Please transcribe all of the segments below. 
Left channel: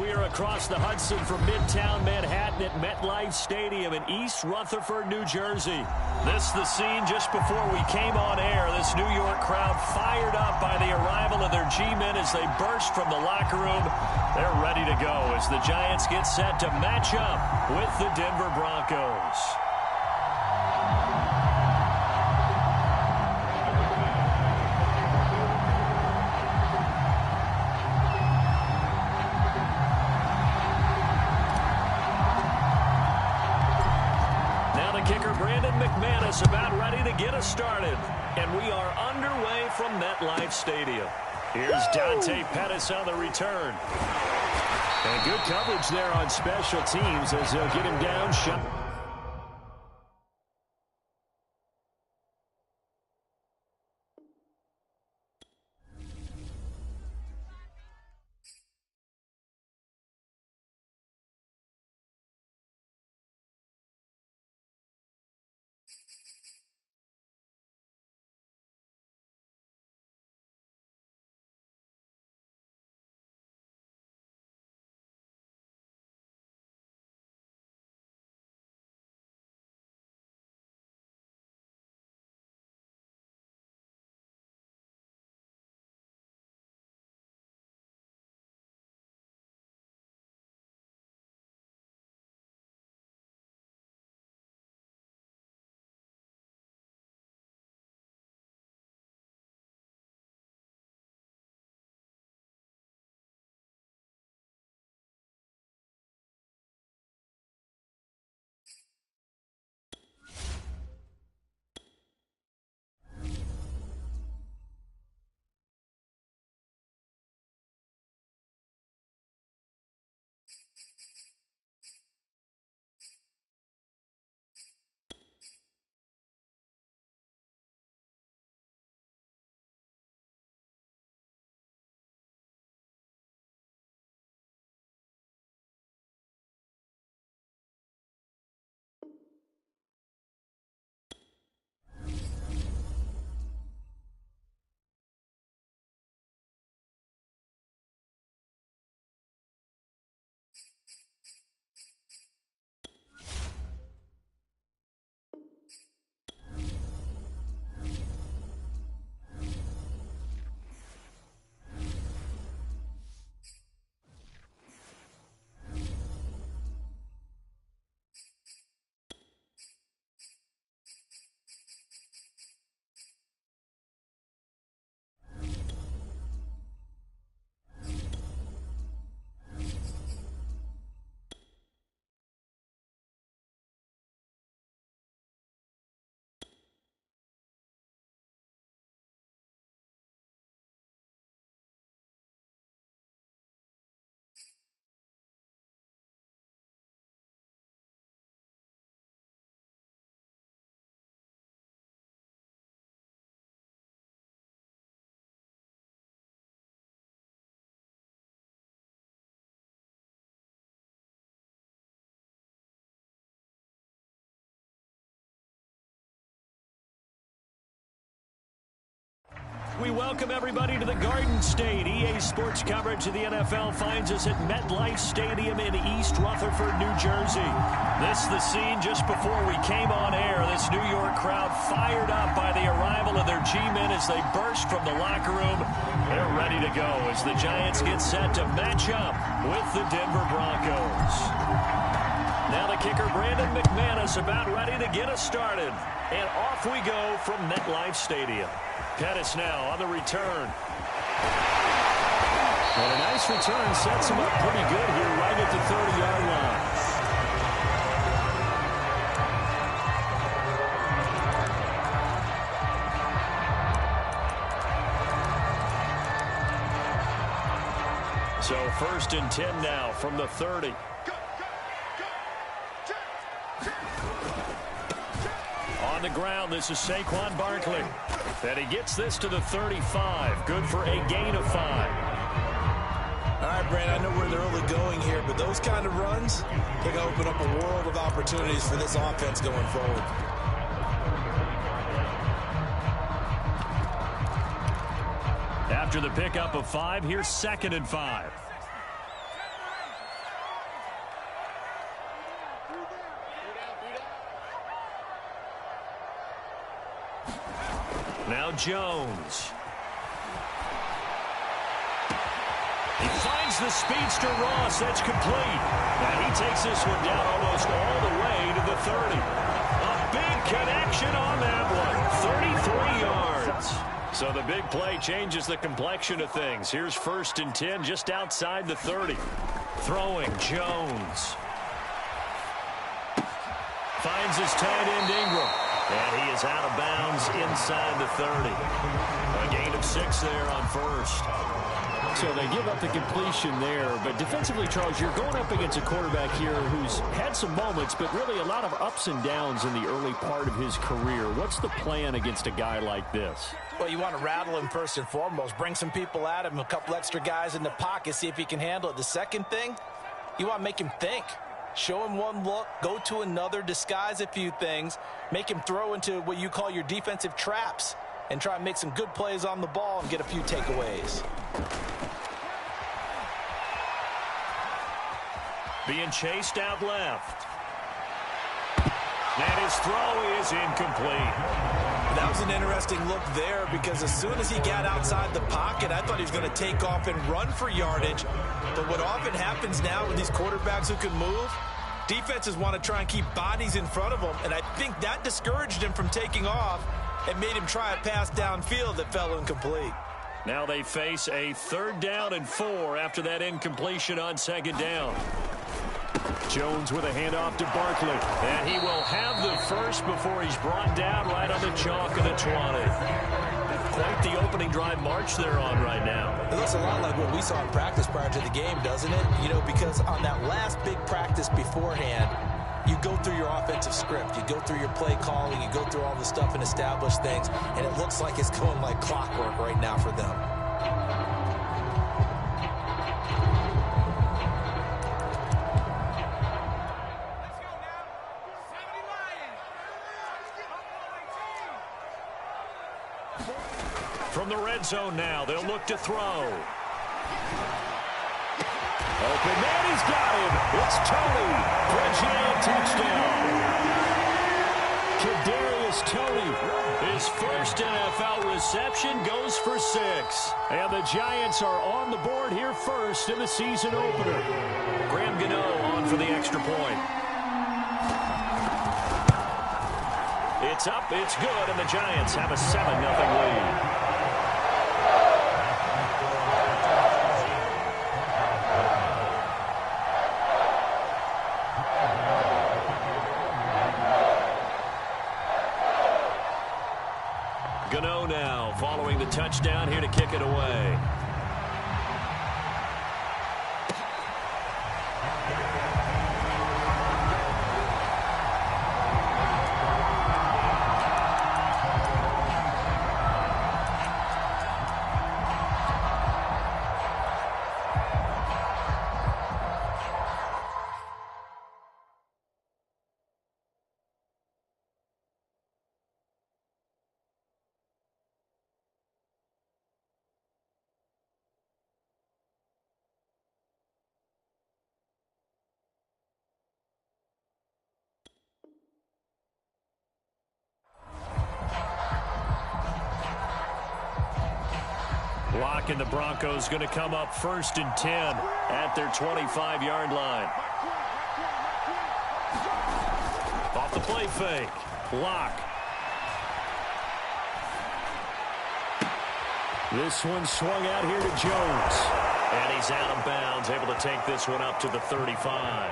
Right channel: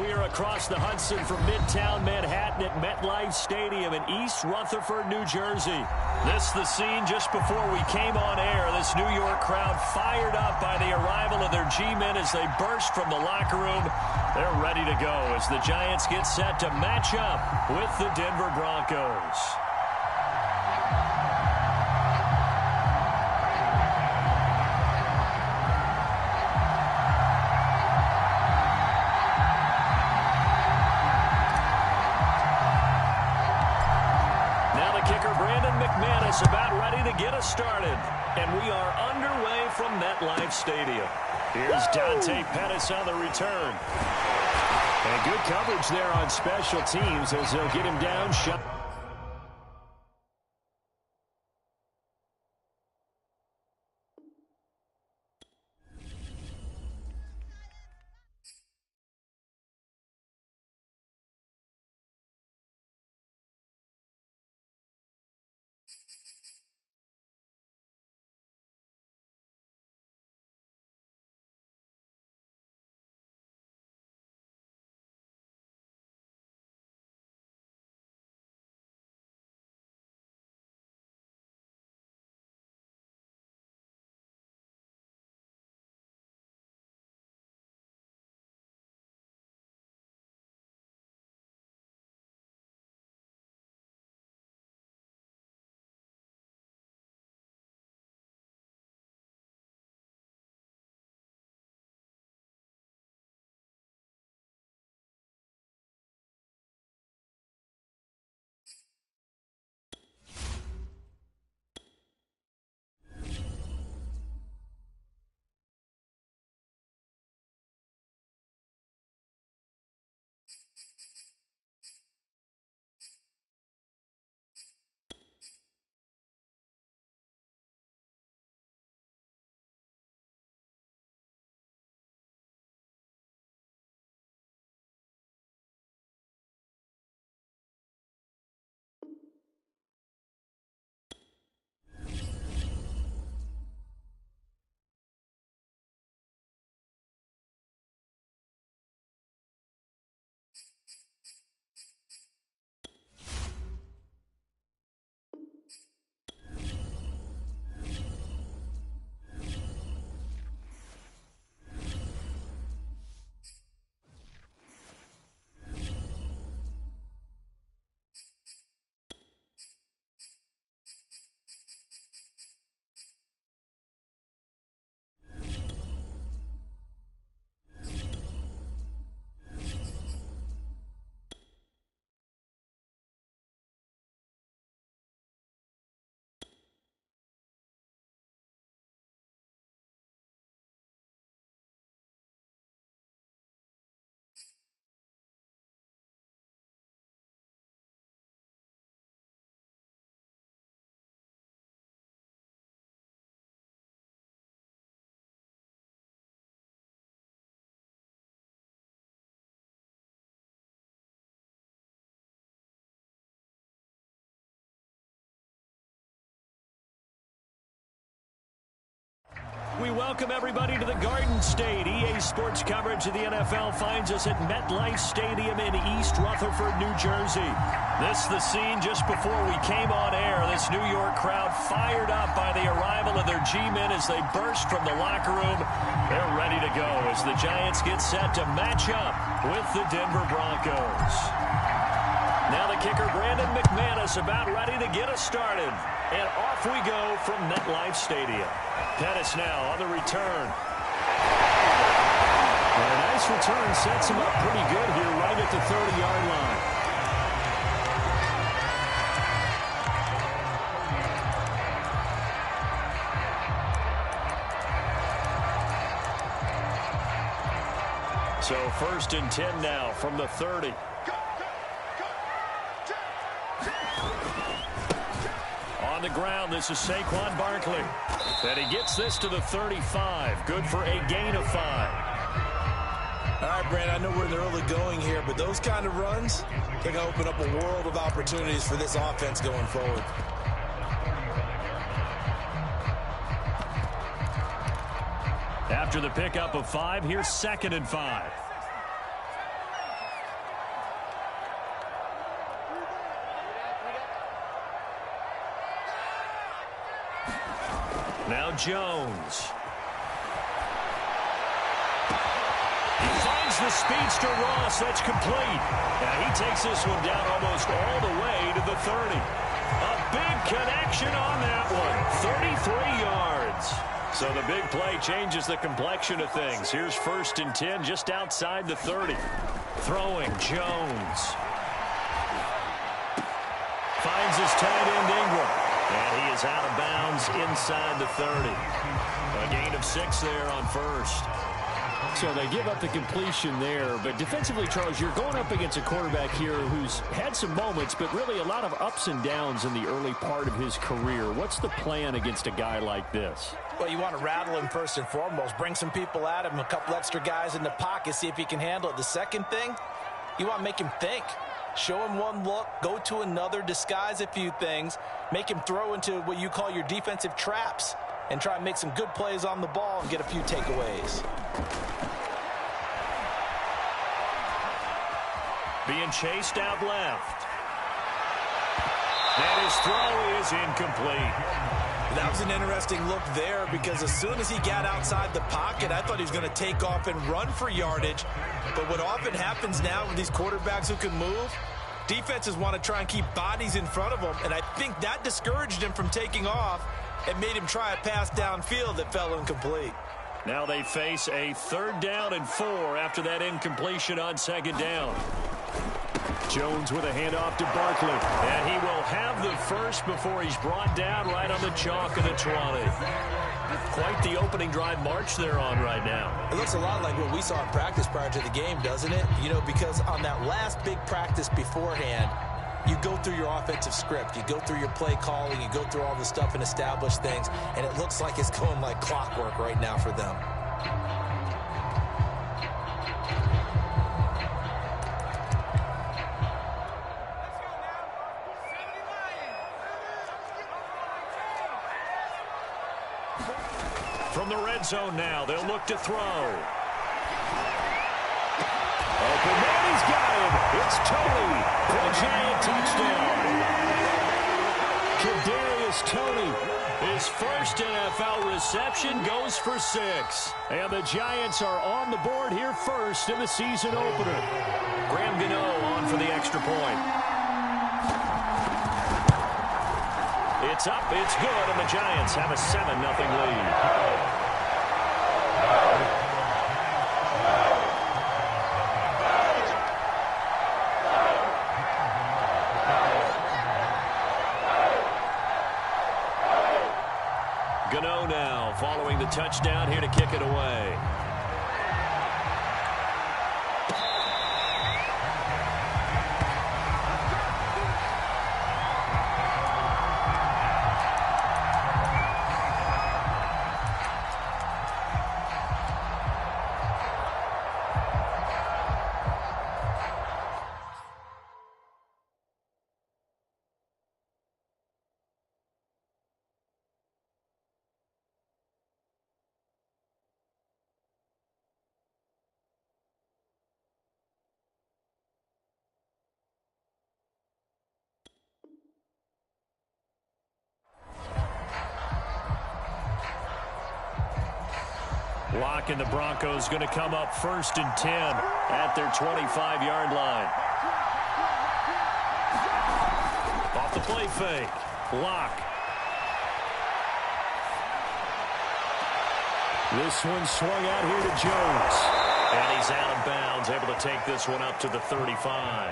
We are across the Hudson from Midtown Manhattan at MetLife Stadium in East Rutherford, New Jersey. This the scene just before we came on air. This New York crowd fired up by the arrival of their G-men as they burst from the locker room. They're ready to go as the Giants get set to match up with the Denver Broncos. Kicker Brandon McManus about ready to get us started. And we are underway from MetLife Stadium. Here's Dante Pettis on the return. And good coverage there on special teams as they'll get him down. Shot. We welcome everybody to the Garden State. EA Sports coverage of the NFL finds us at MetLife Stadium in East Rutherford, New Jersey. This the scene just before we came on air. This New York crowd fired up by the arrival of their G-men as they burst from the locker room. They're ready to go as the Giants get set to match up with the Denver Broncos. Now the kicker, Brandon McManus, about ready to get us started. And off we go from MetLife Stadium. Pettis now on the return. And a nice return sets him up pretty good here right at the 30-yard line. So 1st and 10 now from the 30. On the ground, this is Saquon Barkley. And he gets this to the 35. Good for a gain of 5. All right, Brand, I know we're in the early going here, but those kind of runs, they're going to open up a world of opportunities for this offense going forward. After the pickup of 5, here's 2nd and 5. Now Jones. He finds the speedster Ross. That's complete. Now he takes this one down almost all the way to the 30. A big connection on that one. 33 yards. So the big play changes the complexion of things. Here's 1st and 10 just outside the 30. Throwing Jones. Finds his tight end Ingram. And he is out of bounds inside the 30. A gain of 6 there on 1st. So they give up the completion there. But defensively, Charles, you're going up against a quarterback here who's had some moments, but really a lot of ups and downs in the early part of his career. What's the plan against a guy like this? Well, you want to rattle him first and foremost. Bring some people at him, a couple extra guys in the pocket, see if he can handle it. The second thing, you want to make him think. Show him one look, go to another, disguise a few things, make him throw into what you call your defensive traps, and try and make some good plays on the ball and get a few takeaways. Being chased out left. And his throw is incomplete. That was an interesting look there because as soon as he got outside the pocket, I thought he was going to take off and run for yardage. But what often happens now with these quarterbacks who can move, defenses want to try and keep bodies in front of them, and I think that discouraged him from taking off and made him try a pass downfield that fell incomplete. Now they face a 3rd down and 4 after that incompletion on 2nd down. Jones with a handoff to Barkley. And he will have the first before he's brought down right on the chalk of the 20. Quite the opening drive march they're on right now. It looks a lot like what we saw in practice prior to the game, doesn't it? You know, because on that last big practice beforehand, you go through your offensive script. You go through your play calling. You go through all the stuff and establish things. And it looks like it's going like clockwork right now for them. From the red zone now, they'll look to throw. Open man, he's got him. It's Tony for a Giant touchdown. Kadarius Toney, his first NFL reception, goes for 6. And the Giants are on the board here first in the season opener. Graham Gano on for the extra point. It's up, it's good, and the Giants have a 7-0 lead. Gano now following the touchdown here to kick it away. Lock and the Broncos going to come up 1st and 10 at their 25-yard line. Off the play fake. Lock. This one swung out here to Jones. And he's out of bounds, able to take this one up to the 35.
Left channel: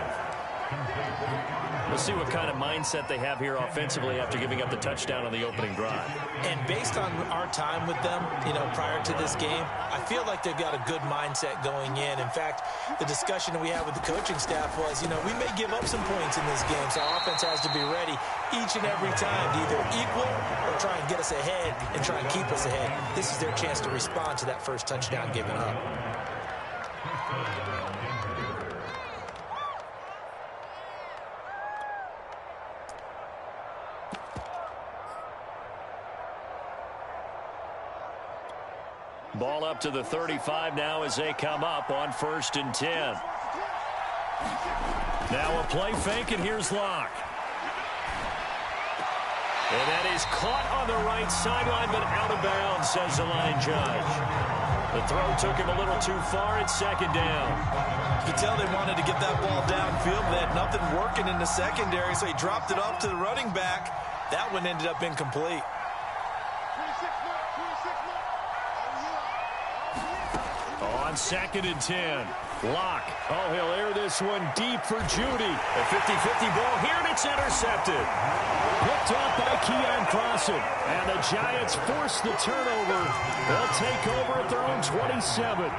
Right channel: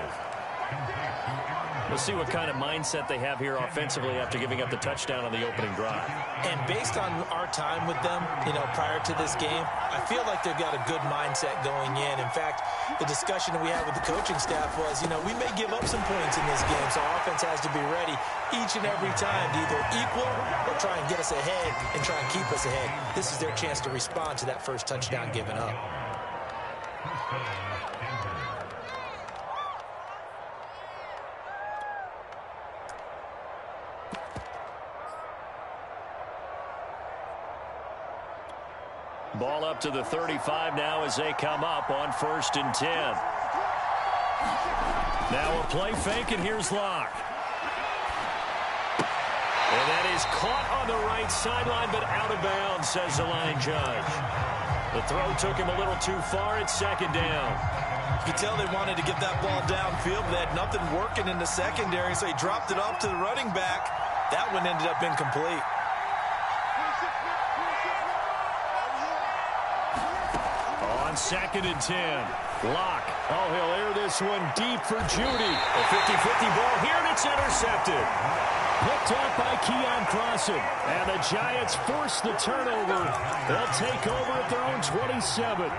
We'll see what kind of mindset they have here offensively after giving up the touchdown on the opening drive. And based on our time with them, prior to this game, I feel like they've got a good mindset going in. In fact, the discussion that we had with the coaching staff was, we may give up some points in this game, so our offense has to be ready each and every time to either equal or try and get us ahead and try and keep us ahead. This is their chance to respond to that first touchdown given up. Ball up to the 35 now as they come up on 1st and 10. Now a play fake, and here's Locke. And that is caught on the right sideline, but out of bounds, says the line judge. The throw took him a little too far. It's second down. You could tell they wanted to get that ball downfield, but they had nothing working in the secondary, so he dropped it off to the running back. That one ended up incomplete. On 2nd and 10. Locke. Oh, he'll air this one deep for Judy. A 50-50 ball here, and it's intercepted. Picked off by Keon Crossan. And the Giants force the turnover. They'll take over at their own 27.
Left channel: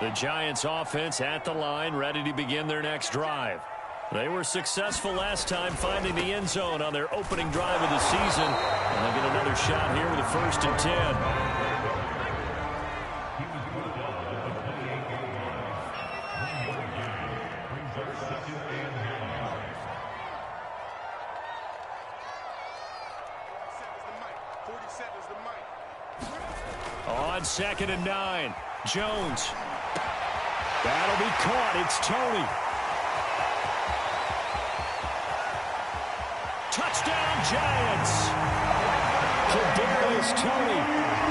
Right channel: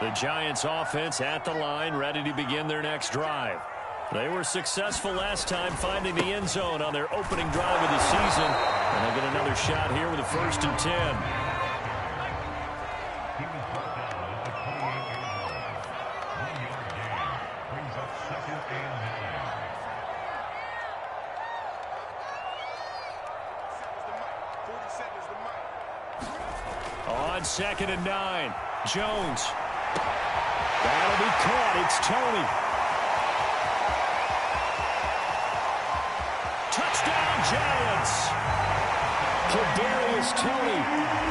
The Giants offense at the line, ready to begin their next drive. They were successful last time finding the end zone on their opening drive of the season. And they'll get another shot here with a 1st and 10. On 2nd and 9, Jones. That'll be caught. It's Tony. Touchdown, Giants. Kadarius Toney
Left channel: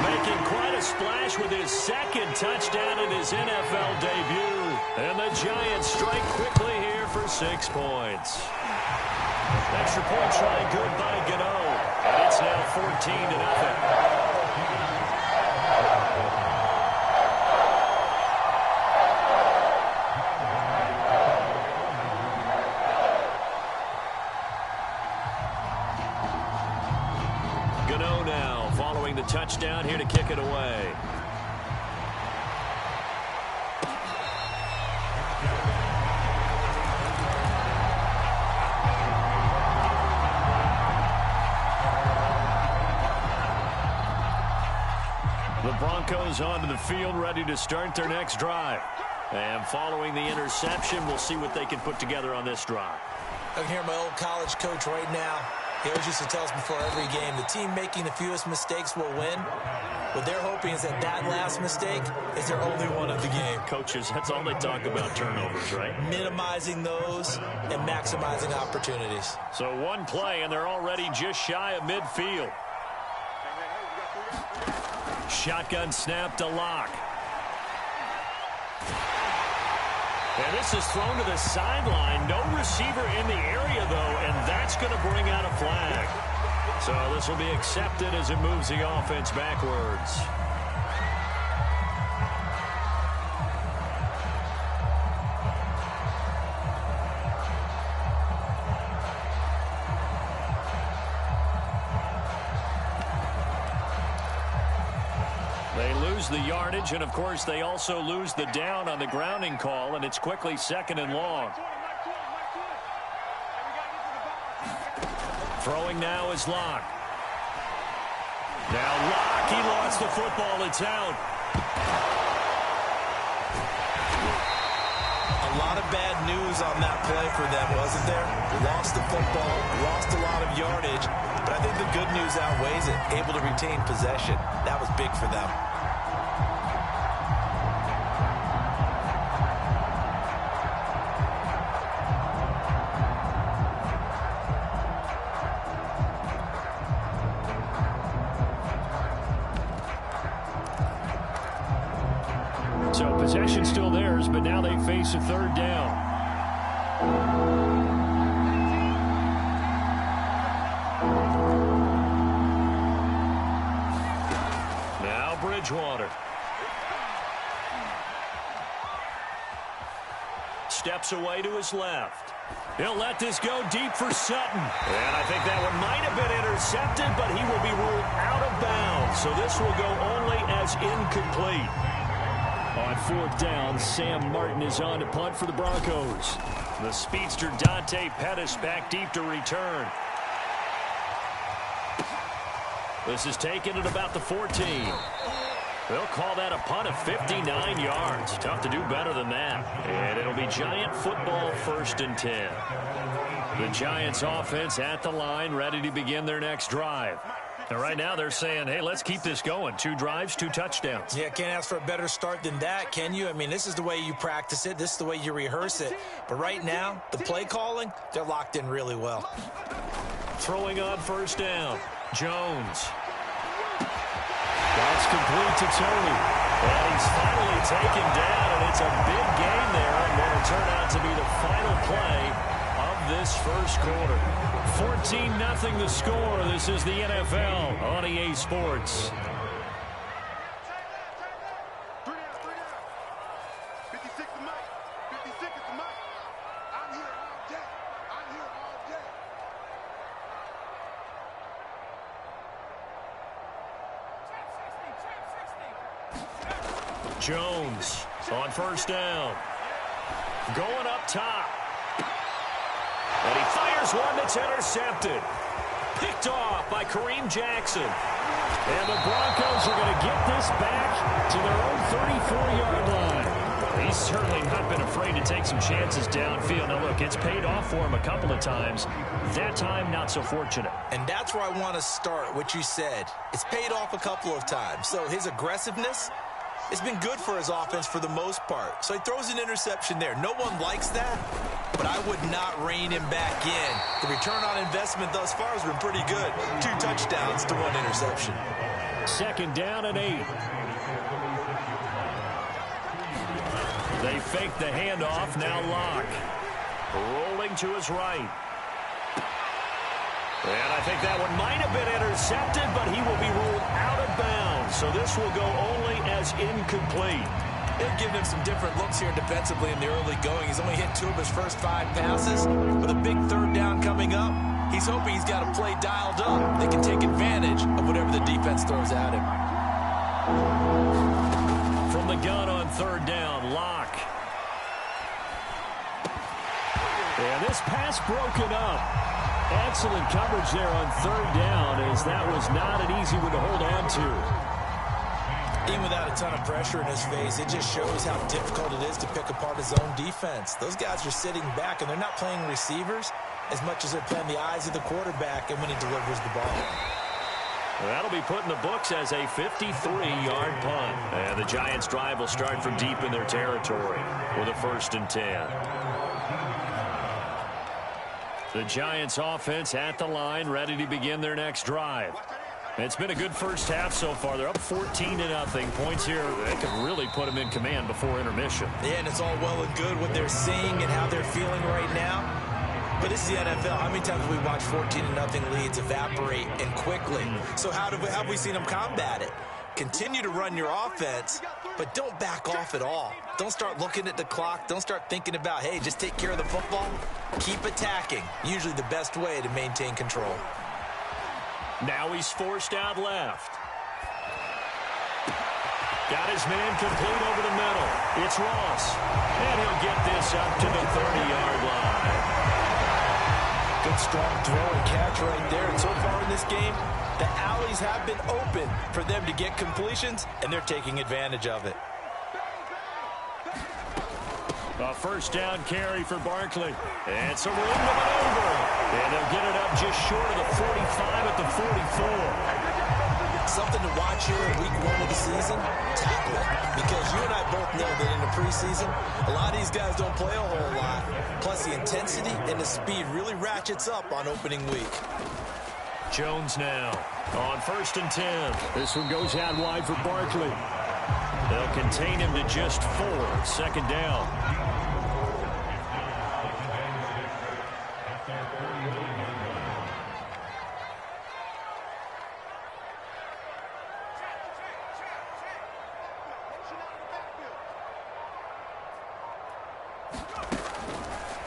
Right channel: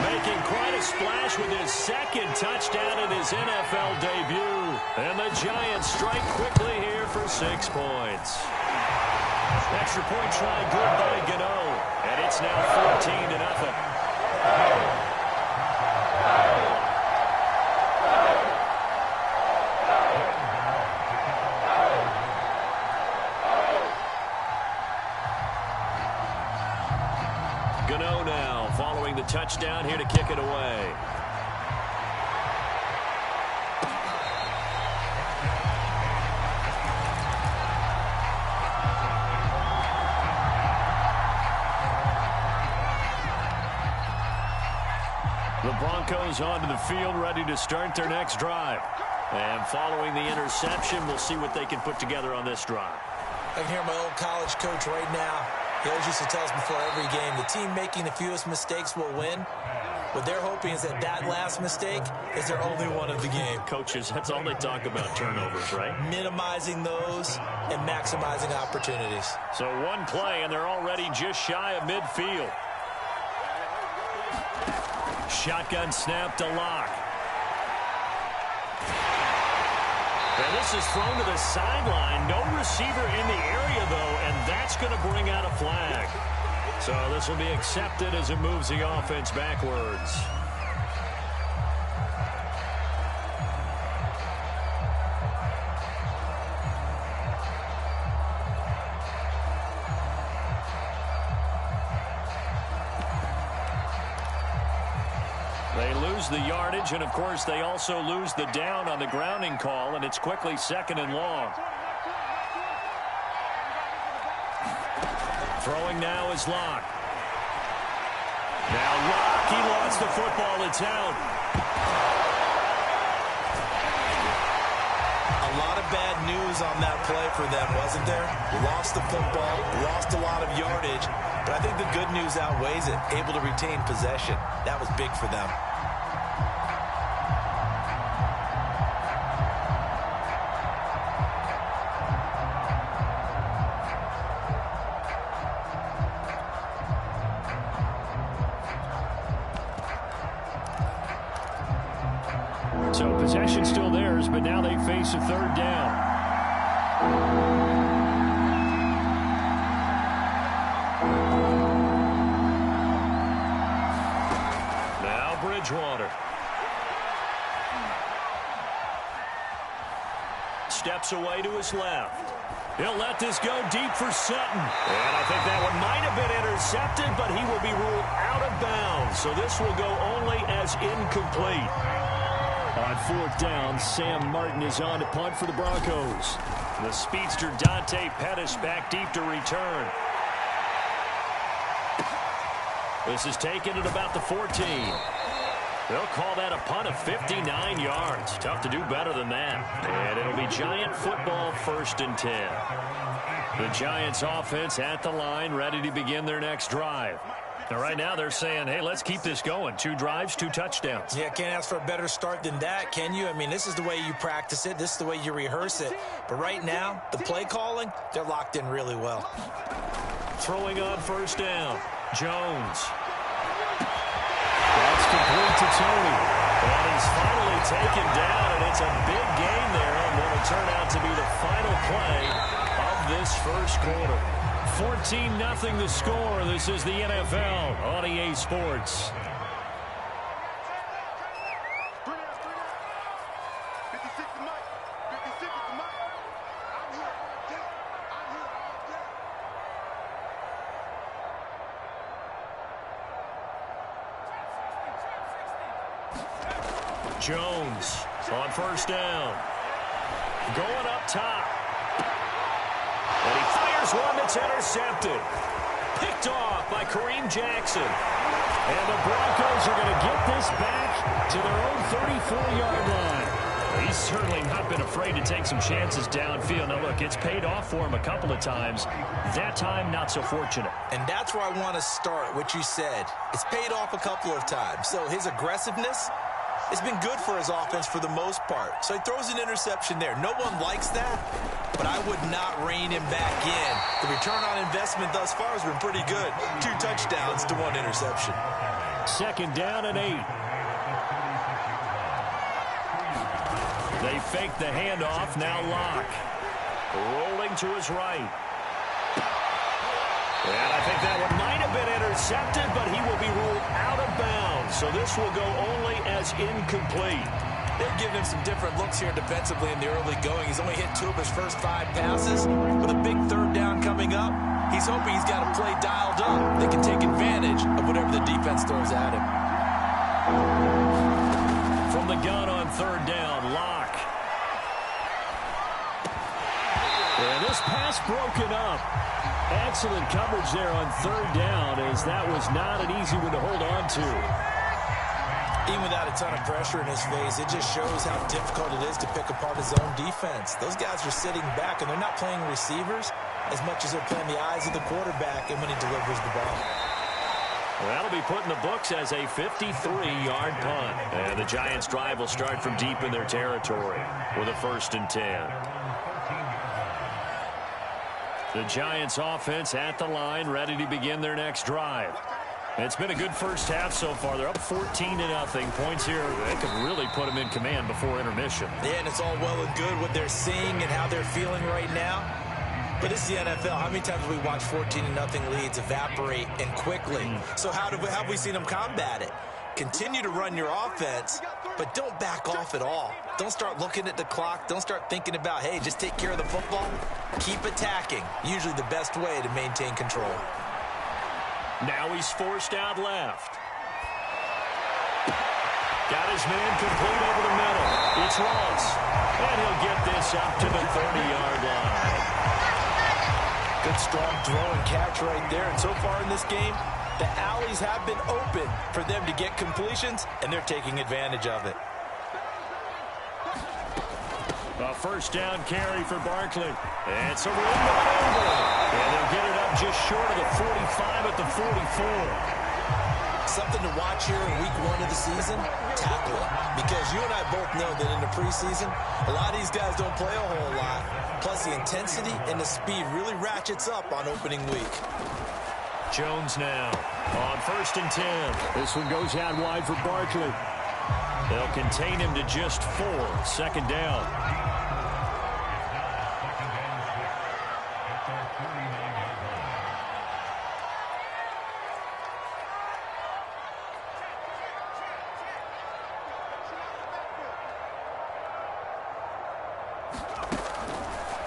making quite a splash with his 2nd touchdown in his NFL debut. And the Giants strike quickly here for 6 points. Extra point try good by Gano. And it's now 14-0. Gano now following the touchdown here to kick it away. The Broncos onto the field, ready to start their next drive. And following the interception, we'll see what they can put together on this drive. I can hear my old college coach right now. He always used to tell us before every game, the team making the fewest mistakes will win. What they're hoping is that that last mistake is their only one of the game. Coaches, that's all they talk about, turnovers, right? Minimizing those and maximizing opportunities. So one play, and they're already just shy of midfield. Shotgun snap to Locke. And this is thrown to the sideline. No receiver in the area, though, and that's going to bring out a flag. So this will be accepted as it moves the offense backwards. They lose the yardage, and, of course, they also lose the down on the grounding call, and it's quickly 2nd and long. Throwing now is Locke. Now Locke, he lost the football. It's out. A lot of bad news on that play for them, wasn't there? Lost the football, lost a lot of yardage, but I think the good news outweighs it. Able to retain possession. That was big for them. So possession still theirs, but now they face a 3rd down. Now Bridgewater. Steps away to his left. He'll let this go deep for Sutton. And I think that one might have been intercepted, but he will be ruled out of bounds. So this will go only as incomplete. On 4th down, Sam Martin is on to punt for the Broncos. The speedster Dante Pettis back deep to return. This is taken at about the 14. They'll call that a punt of 59 yards. Tough to do better than that. And it'll be Giant football, 1st and 10. The Giants offense at the line, ready to begin their next drive. And right now they're saying, hey, let's keep this going. 2 drives, 2 touchdowns. Yeah, can't ask for a better start than that, can you? I mean, this is the way you practice it. This is the way you rehearse it. But right now, the play calling, they're locked in really well. Throwing on first down. Jones. That's complete to Tony. And he's finally taken down, and it's a big gain there, and what will turn out to be the final play of this first quarter. 14-0 the score. This is the NFL on EA Sports. Jones on first down. Going up top. And he fires one that's intercepted. Picked off by Kareem Jackson. And the Broncos are going to get this back to their own 34-yard line. He's certainly not been afraid to take some chances downfield. Now, look, it's paid off for him a couple of times. That time, not so fortunate. And that's where I want to start, what you said. It's paid off a couple of times. So his aggressiveness, it's been good for his offense for the most part. So he throws an interception there. No one likes that, but I would not rein him back in. The return on investment thus far has been pretty good. 2 touchdowns to 1 interception. 2nd down and 8. They fake the handoff. Now Locke. Rolling to his right. And I think that one might have been intercepted, but he will be ruled out of bounds. So this will go only as incomplete. They've given him some different looks here defensively in the early going. He's only hit 2 of his first 5 passes. With a big 3rd down coming up, he's hoping he's got a play dialed up. They can take advantage of whatever the defense throws at him. From the gun on 3rd down, Locke. And this pass broken up. Excellent coverage there on 3rd down, as that was not an easy one to hold on to. Even without a ton of pressure in his face, it just shows how difficult it is to pick apart his own defense. Those guys are sitting back, and they're not playing receivers as much as they're playing the eyes of the quarterback and when he delivers the ball. Well, that'll be put in the books as a 53-yard punt. And the Giants' drive will start from deep in their territory with a 1st and 10. The Giants offense at the line, ready to begin their next drive. It's been a good first half so far. They're up 14-0. Points here, they could really put them in command before intermission. Yeah, and it's all well and good what they're seeing and how they're feeling right now. But it's the NFL. How many times have we watched 14-0 leads evaporate and quickly? So how have we seen them combat it? Continue to run your offense, but don't back off at all. Don't start looking at the clock. Don't start thinking about, hey, just take care of the football. Keep attacking. Usually the best way to maintain control. Now he's forced out left. Got his man complete over the middle. It's Ross. And he'll get this up to the 30-yard line. Good strong throw and catch right there. And so far in this game, the alleys have been open for them to get completions, and they're taking advantage of it. A 1st down carry for Barkley. And some room to maneuver. And they'll get it up just short of the 45 at the 44. Something to watch here in week 1 of the season, tackling. Because you and I both know that in the preseason, a lot of these guys don't play a whole lot. Plus the intensity and the speed really ratchets up on opening week. Jones now on 1st and 10. This one goes out wide for Barkley. They'll contain him to just 4. 2nd down.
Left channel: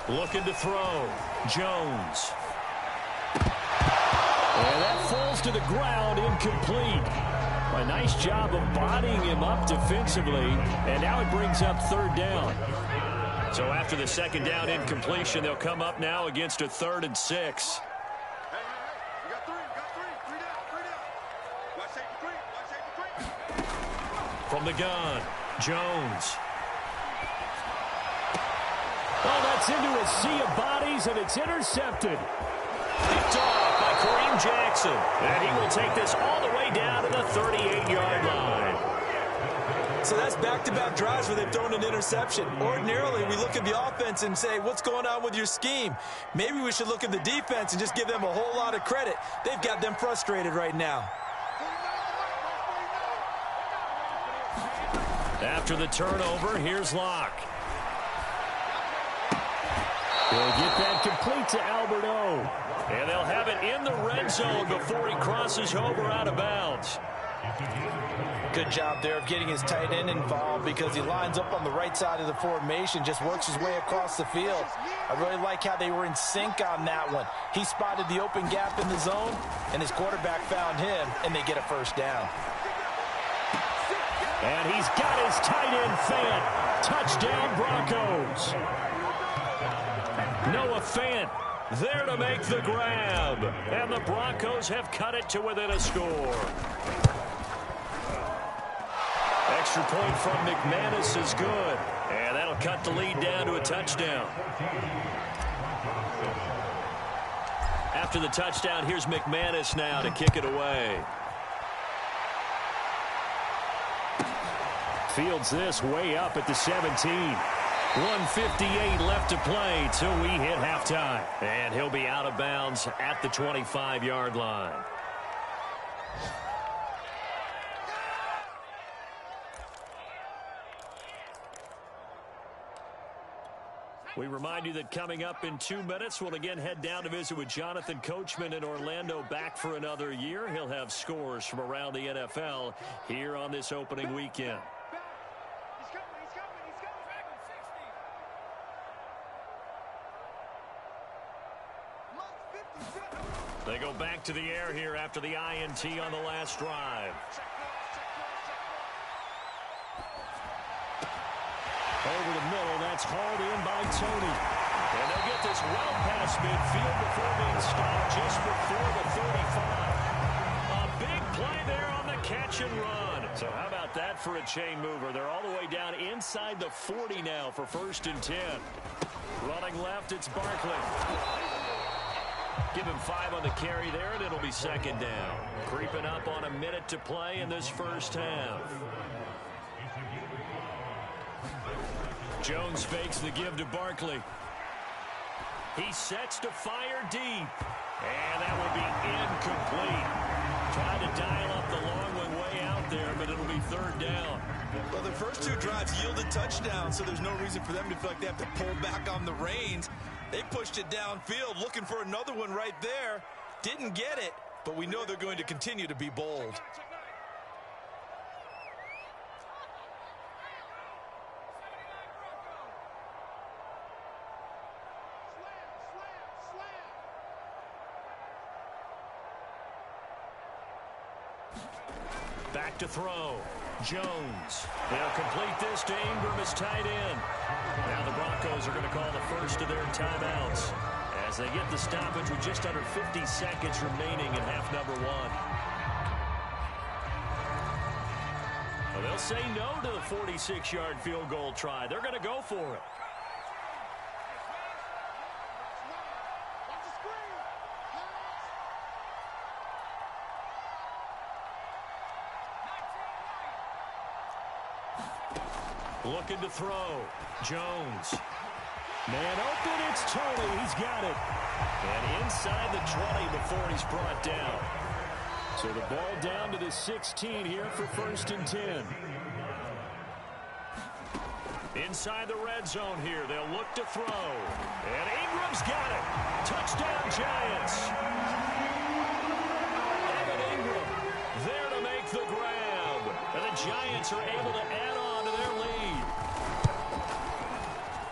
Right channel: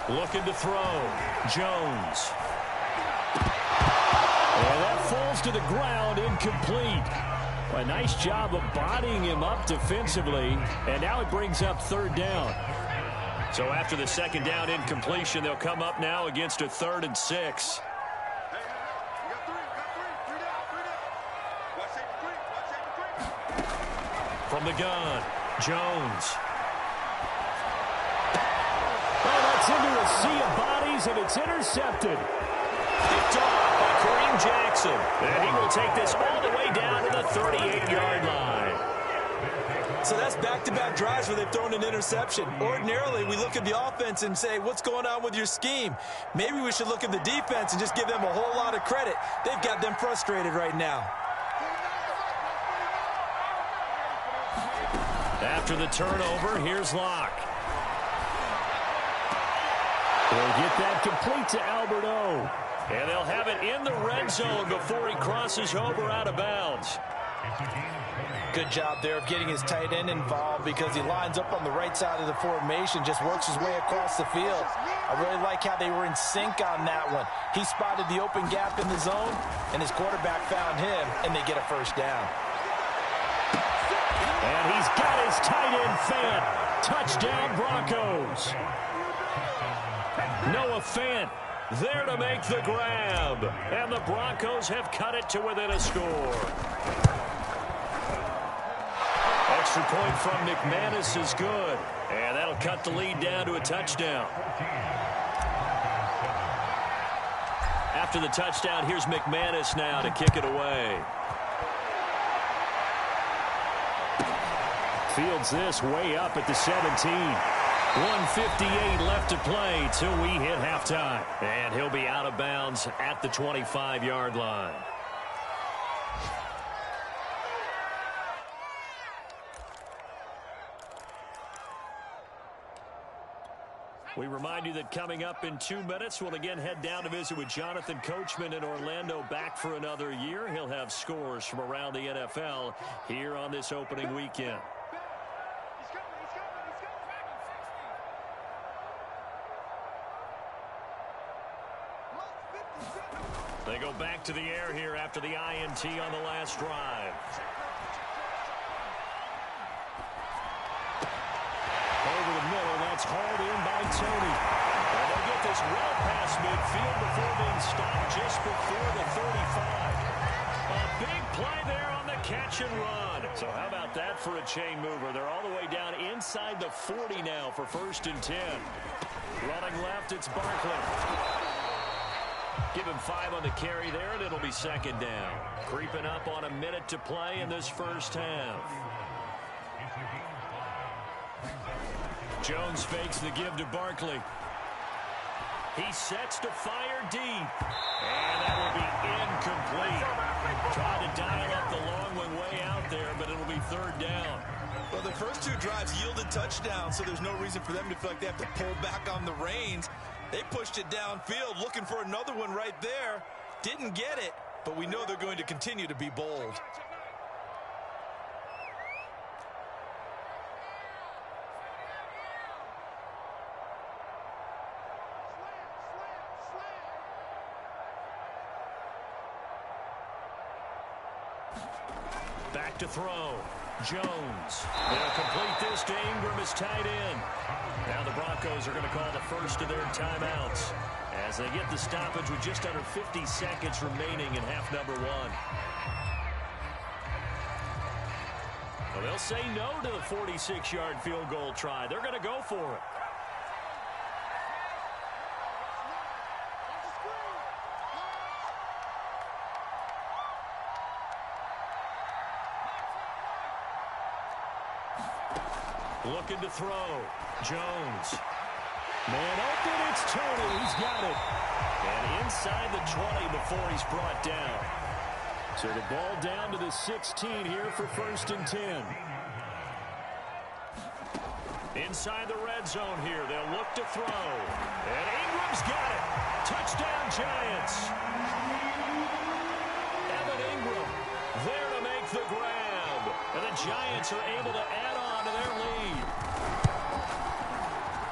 Looking to throw. Jones. And that falls to the ground, incomplete. A nice job of bodying him up defensively, and now it brings up 3rd down. So after the 2nd down incompletion, they'll come up now against a 3rd and 6. Hey, we got 3 down. Watch safety 3. From the gun, Jones. Oh, that's into a sea of bodies, and it's intercepted. Picked off by Kareem Jackson. And he will take this all the way down to the 38-yard line. So that's back-to-back drives where they've thrown an interception. Ordinarily, we look at the offense and say, what's going on with your scheme? Maybe we should look at the defense and just give them a whole lot of credit. They've got them frustrated right now. After the turnover, here's Locke. He'll get that complete to Albert O. And they'll have it in the red zone before he crosses over out of bounds. Good job there of getting his tight end involved because he lines up on the right side of the formation, just works his way across the field. I really like how they were in sync on that one. He spotted the open gap in the zone, and his quarterback found him, and they get a first down. And he's got his tight end Fant. Touchdown, Broncos. Noah Fant there to make the grab. And the Broncos have cut it to within a score. Extra point from McManus is good. And that'll cut the lead down to a touchdown. After the touchdown, here's McManus now to kick it away. Fields this way up at the 17. 1:58 left to play till we hit halftime. And he'll be out of bounds at the 25-yard line. We remind you that coming up in 2 minutes, we'll again head down to visit with Jonathan Coachman in Orlando, back for another year. He'll have scores from around the NFL here on this opening weekend. They go back to the air here after the INT on the last drive. Over the middle, that's hauled in by Tony. And they'll get this well past midfield before being stopped just before the 35. A big play there on the catch and run. So how about that for a chain mover? They're all the way down inside the 40 now for 1st and 10. Running left, it's Barkley. Give him 5 on the carry there, and it'll be 2nd down. Creeping up on a minute to play in this first half. Jones fakes the give to Barkley. He sets to fire deep. And that will be incomplete. Tried to dial up the long one way out there, but it'll be 3rd down. Well, the first 2 drives yielded touchdowns, so there's no reason for them to feel like they have to pull back on the reins. They pushed it downfield, looking for another one right there. Didn't get it, but we know they're going to continue to be bold. Back to throw. Jones. They'll complete this to Ingram as tight end. Now the Broncos are going to call the first of their timeouts as they get the stoppage with just under 50 seconds remaining in half number 1. Well, they'll say no to the 46-yard field goal try. They're going to go for it. Looking to throw. Jones. Man open, it's Tony. He's got it. And inside the 20 before he's brought down. So the ball down to the 16 here for 1st and 10. Inside the red zone here. They'll look to throw. And Ingram's got it. Touchdown, Giants. Evan Ingram there to make the grab. And the Giants are able to add on to their lead.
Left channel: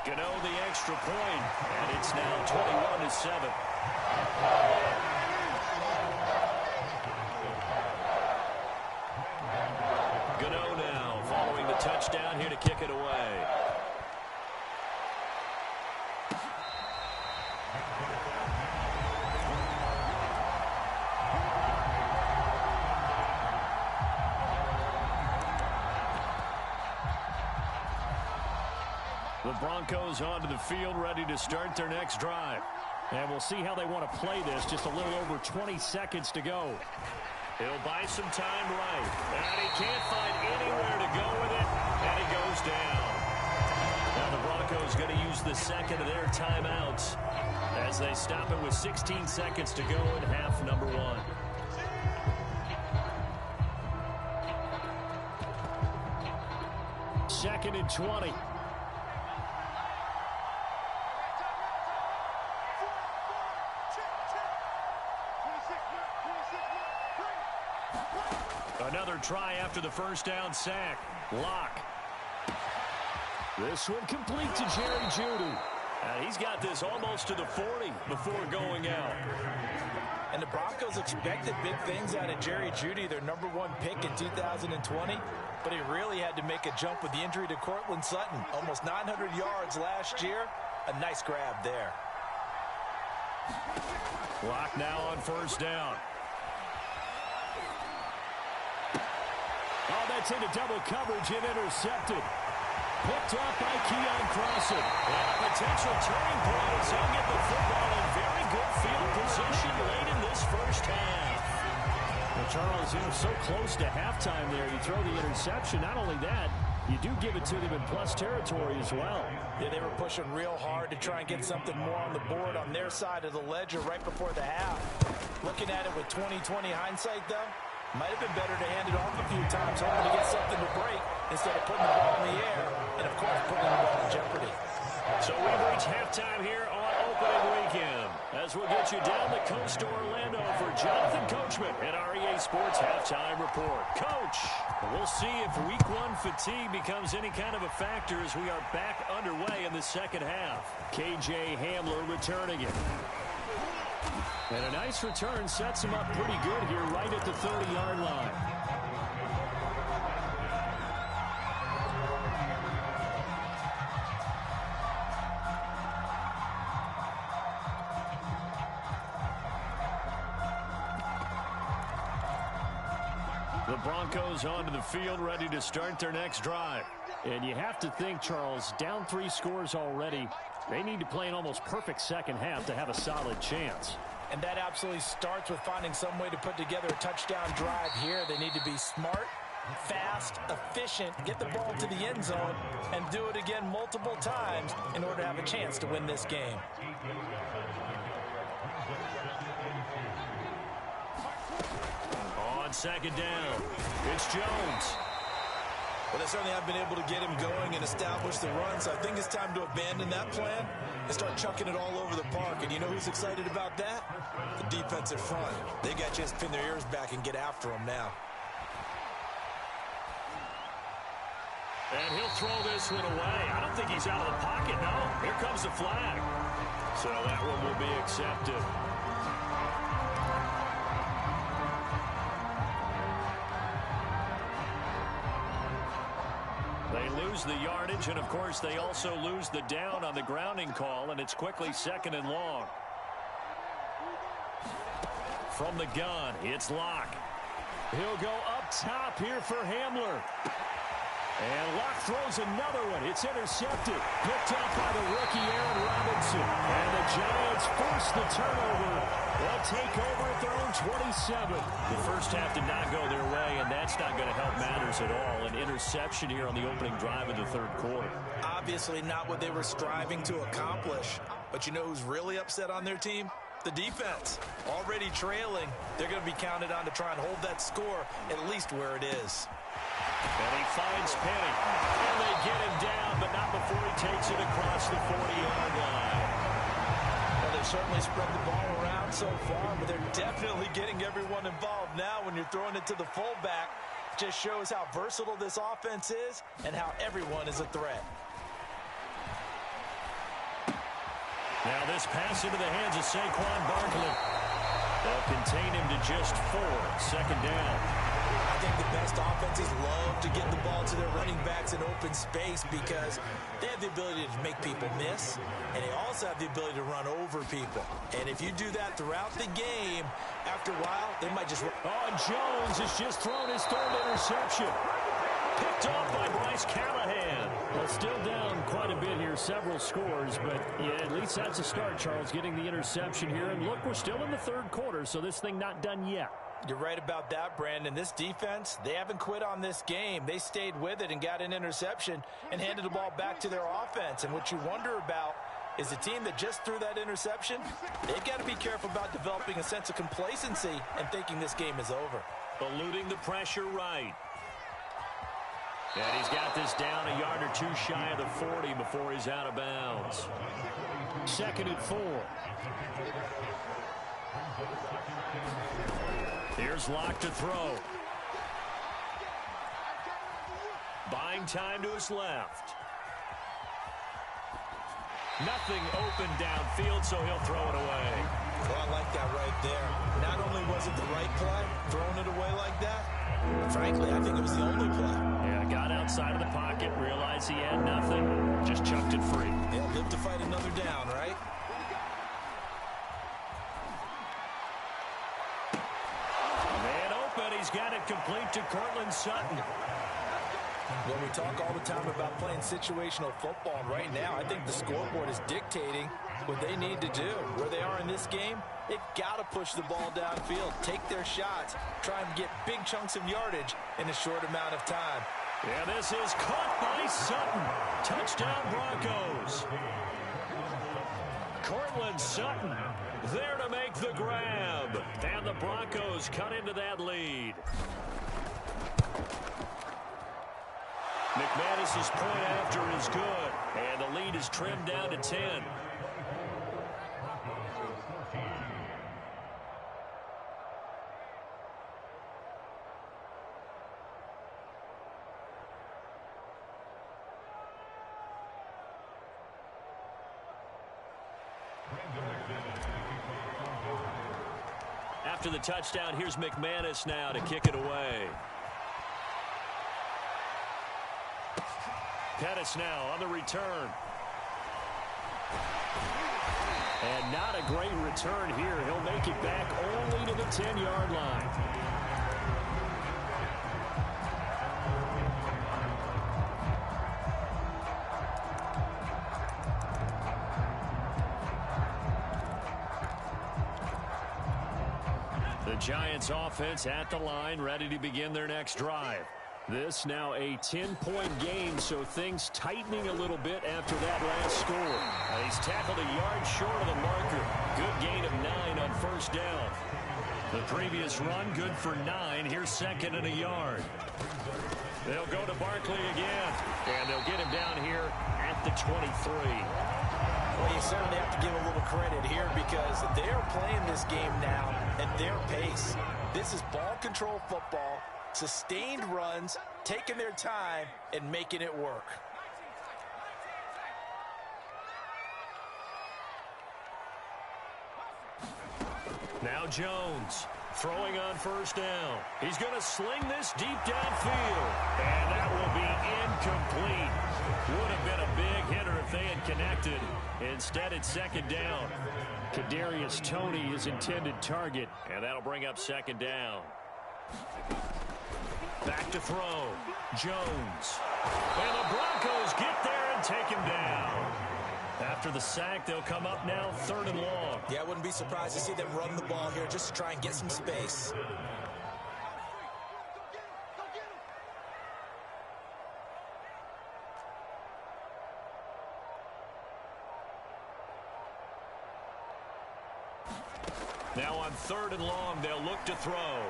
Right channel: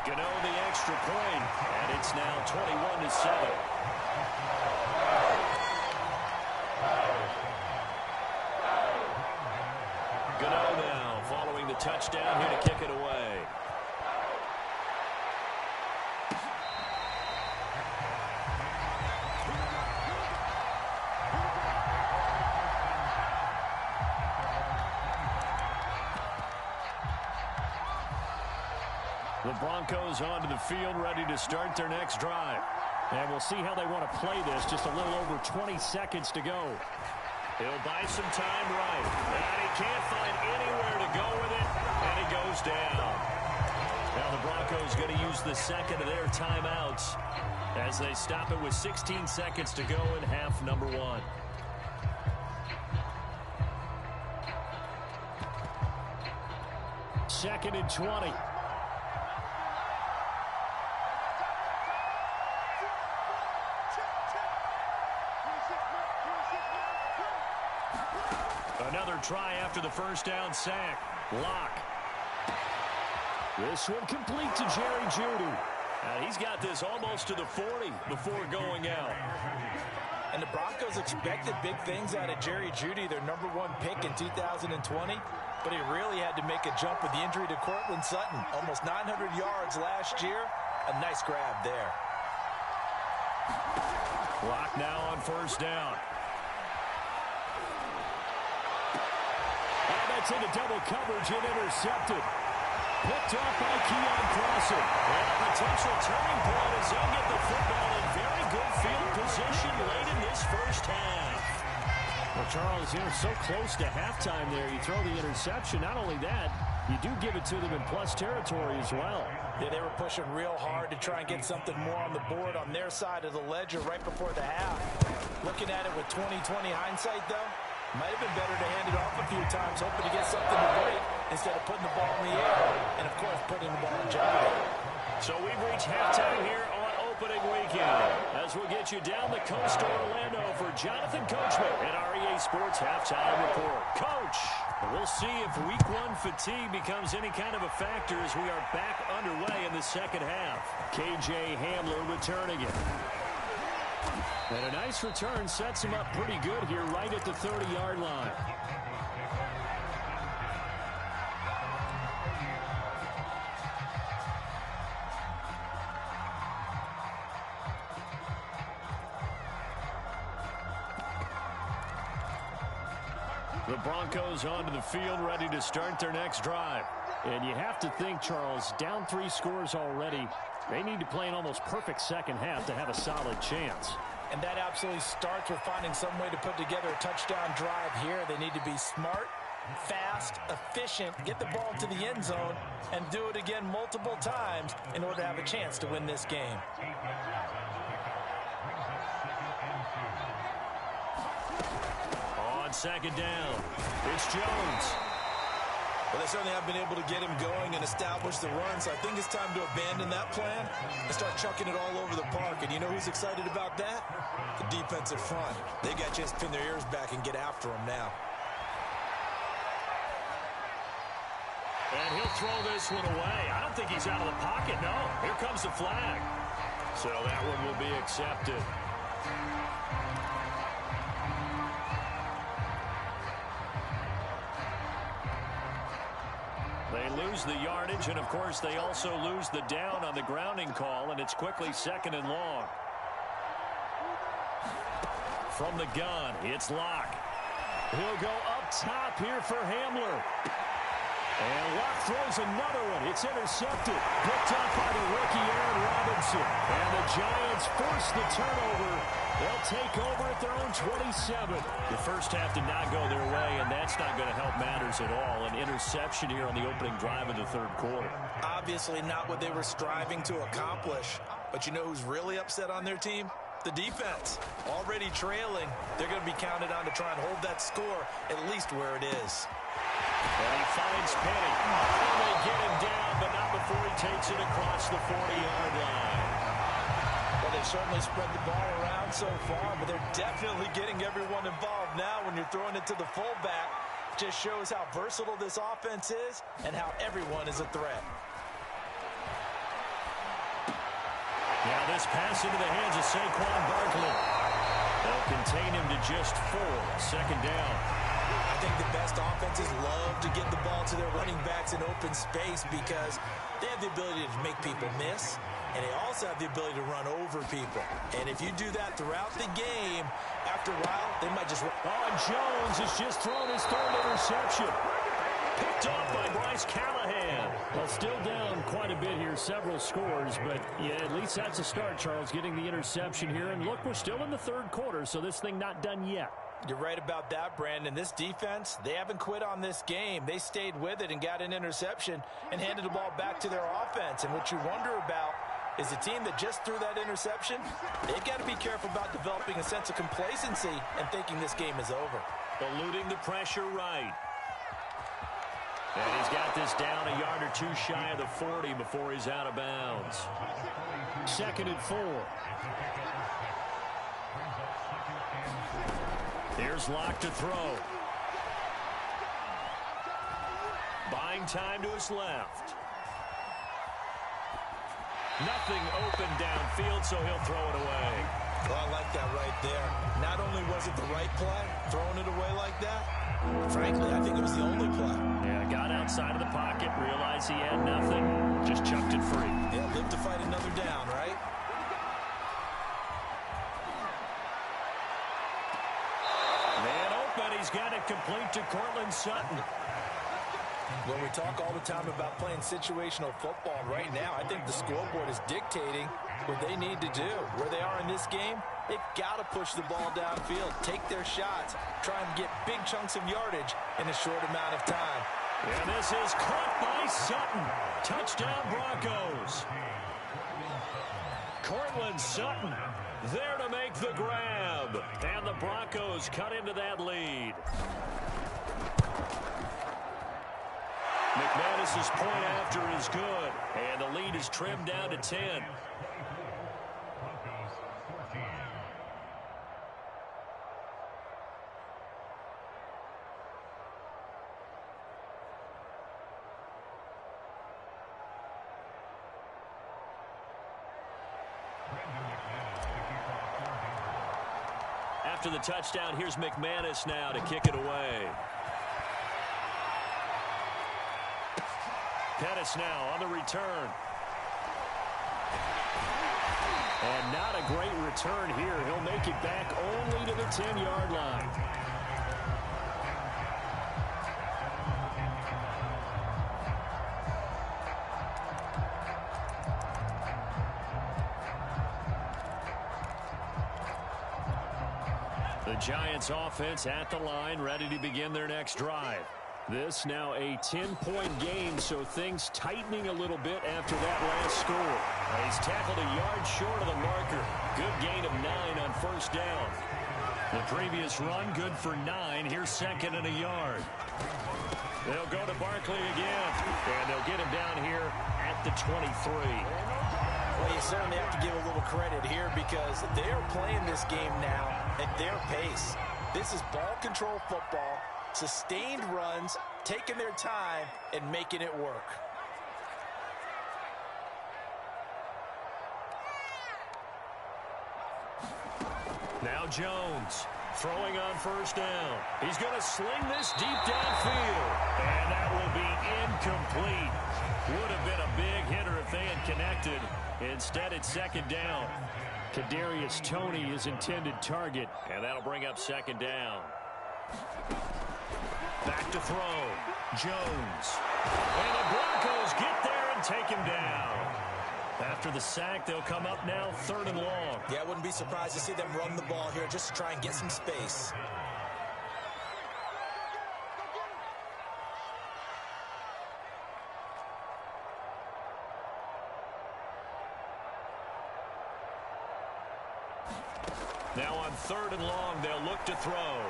Gano the extra point, and it's now 21-7. Gano now following the touchdown here to kick it away. The Broncos onto the field, ready to start their next drive. And we'll see how they want to play this. Just a little over 20 seconds to go. He'll buy some time right. And he can't find anywhere to go with it. And he goes down. Now the Broncos going to use the second of their timeouts as they stop it with 16 seconds to go in half number one. Second and 20. Another try after the first down sack. Lock. This one complete to Jerry Jeudy. He's got this almost to the 40 before going out. And the Broncos expected big things out of Jerry Jeudy, their #1 pick in 2020. But he really had to make a jump with the injury to Cortland Sutton. Almost 900 yards last year. A nice grab there. Lock now on first down. Oh, that's into double coverage and intercepted. Picked off by Keon Crossen. And a potential turning point as he'll get the football in very good field position late in this first half. Well, Charles, so close to halftime there. You throw the interception. Not only that, you do give it to them in plus territory as well. Yeah, they were pushing real hard to try and get something more on the board on their side of the ledger right before the half. Looking at it with 20/20 hindsight, though, might have been better to hand it off a few times, hoping to get something to break instead of putting the ball in the air and, of course, putting the ball in jeopardy. So we've reached halftime here on opening weekend. As we'll get you down the coast to Orlando for Jonathan Coachman at our EA Sports Halftime Report. Coach, we'll see if Week 1 fatigue becomes any kind of a factor as we are back underway in the second half. KJ Hamler returning it. And a nice return sets him up pretty good here right at the 30-yard line. The Broncos onto the field, ready to start their next drive. And you have to think, Charles, down 3 scores already. They need to play an almost perfect second half to have a solid chance. And that absolutely starts with finding some way to put together a touchdown drive here. They need to be smart, fast, efficient, get the ball to the end zone, and do it again multiple times in order to have a chance to win this game. On second down, it's Jones. Well, they certainly have been able to get him going and establish the run, so I think it's time to abandon that plan and start chucking it all over the park. And you know who's excited about that? The defensive front. They got a chance to pin their ears back and get after him now. And he'll throw this one away. I don't think he's out of the pocket, no. Here comes the flag. So that one will be accepted. They lose the yardage, and, of course, they also lose the down on the grounding call, and it's quickly second and long. From the gun, it's Locke. He'll go up top here for Hamler. And Locke throws another one. It's intercepted. Picked up by the rookie Aaron Robinson. And the Giants force the turnover. They'll take over at their own 27. The first half did not go their way, and that's not going to help matters at all. An interception here on the opening drive of the third quarter. Obviously not what they were striving to accomplish. But you know who's really upset on their team? The defense. Already trailing. They're going to be counted on to try and hold that score at least where it is. And he finds Penny. And they get him down, but not before he takes it across the 40-yard line. Well, they've certainly spread the ball around so far, but they're definitely getting everyone involved now when you're throwing it to the fullback. Just shows how versatile this offense is and how everyone is a threat. Now this pass into the hands of Saquon Barkley. They'll contain him to just 4. Second down. I think the best offenses love to get the ball to their running backs in open space because they have the ability to make people miss, and they also have the ability to run over people. And if you do that throughout the game, after a while, they might just... Oh, and Jones has just thrown his 3rd interception. Picked off by Bryce Callahan. Well, still down quite a bit here, several scores, but yeah, at least that's a start, Charles, getting the interception here. And look, we're still in the third quarter, so this thing not done yet. You're right about that, Brandon. This defense, they haven't quit on this game. They stayed with it and got an interception and handed the ball back to their offense. And what you wonder about is a team that just threw that interception, they've got to be careful about developing a sense of complacency and thinking this game is over. Eluding the pressure right. And he's got this down a yard or two shy of the 40 before he's out of bounds. 2nd and 4. Here's Locke to throw. Buying time to his left. Nothing open downfield, so he'll throw it away. Oh, I like that right there. Not only was it the right play, throwing it away like that, frankly, I think it was the only play. Yeah, got outside of the pocket, realized he had nothing, just chucked it free. Yeah, live to fight another down, right? Man open, he's got it complete to Cortland Sutton. When we talk all the time about playing situational football, right now I think the scoreboard is dictating what they need to do. Where they are in this game, they've got to push the ball downfield, take their shots, try and get big chunks of yardage in a short amount of time. And this is caught by Sutton. Touchdown Broncos. Cortland Sutton there to make the grab. And the Broncos cut into that lead. McManus's point after is good, and the lead is trimmed down to 10. After the touchdown, here's McManus now to kick it away. Pettis now on the return. And not a great return here. He'll make it back only to the 10-yard line. The Giants offense at the line, ready to begin their next drive. This now a 10-point game, so things tightening a little bit after that last score. He's tackled a yard short of the marker. Good gain of 9 on first down. The previous run, good for 9. Here's 2nd and a yard. They'll go to Barkley again, and they'll get him down here at the 23. Well, you certainly have to give a little credit here because they are playing this game now at their pace. This is ball control football. Sustained runs, taking their time, and making it work. Now Jones throwing on first down. He's going to sling this deep downfield, and that will be incomplete. Would have been a big hitter if they had connected. Instead, it's 2nd down. Kadarius Toney, his intended target. And that'll bring up 2nd down. Back to throw. Jones. And the Broncos get there and take him down. After the sack, they'll come up now 3rd and long. Yeah, I wouldn't be surprised to see them run the ball here just to try and get some space. Now on 3rd and long, they'll look to throw.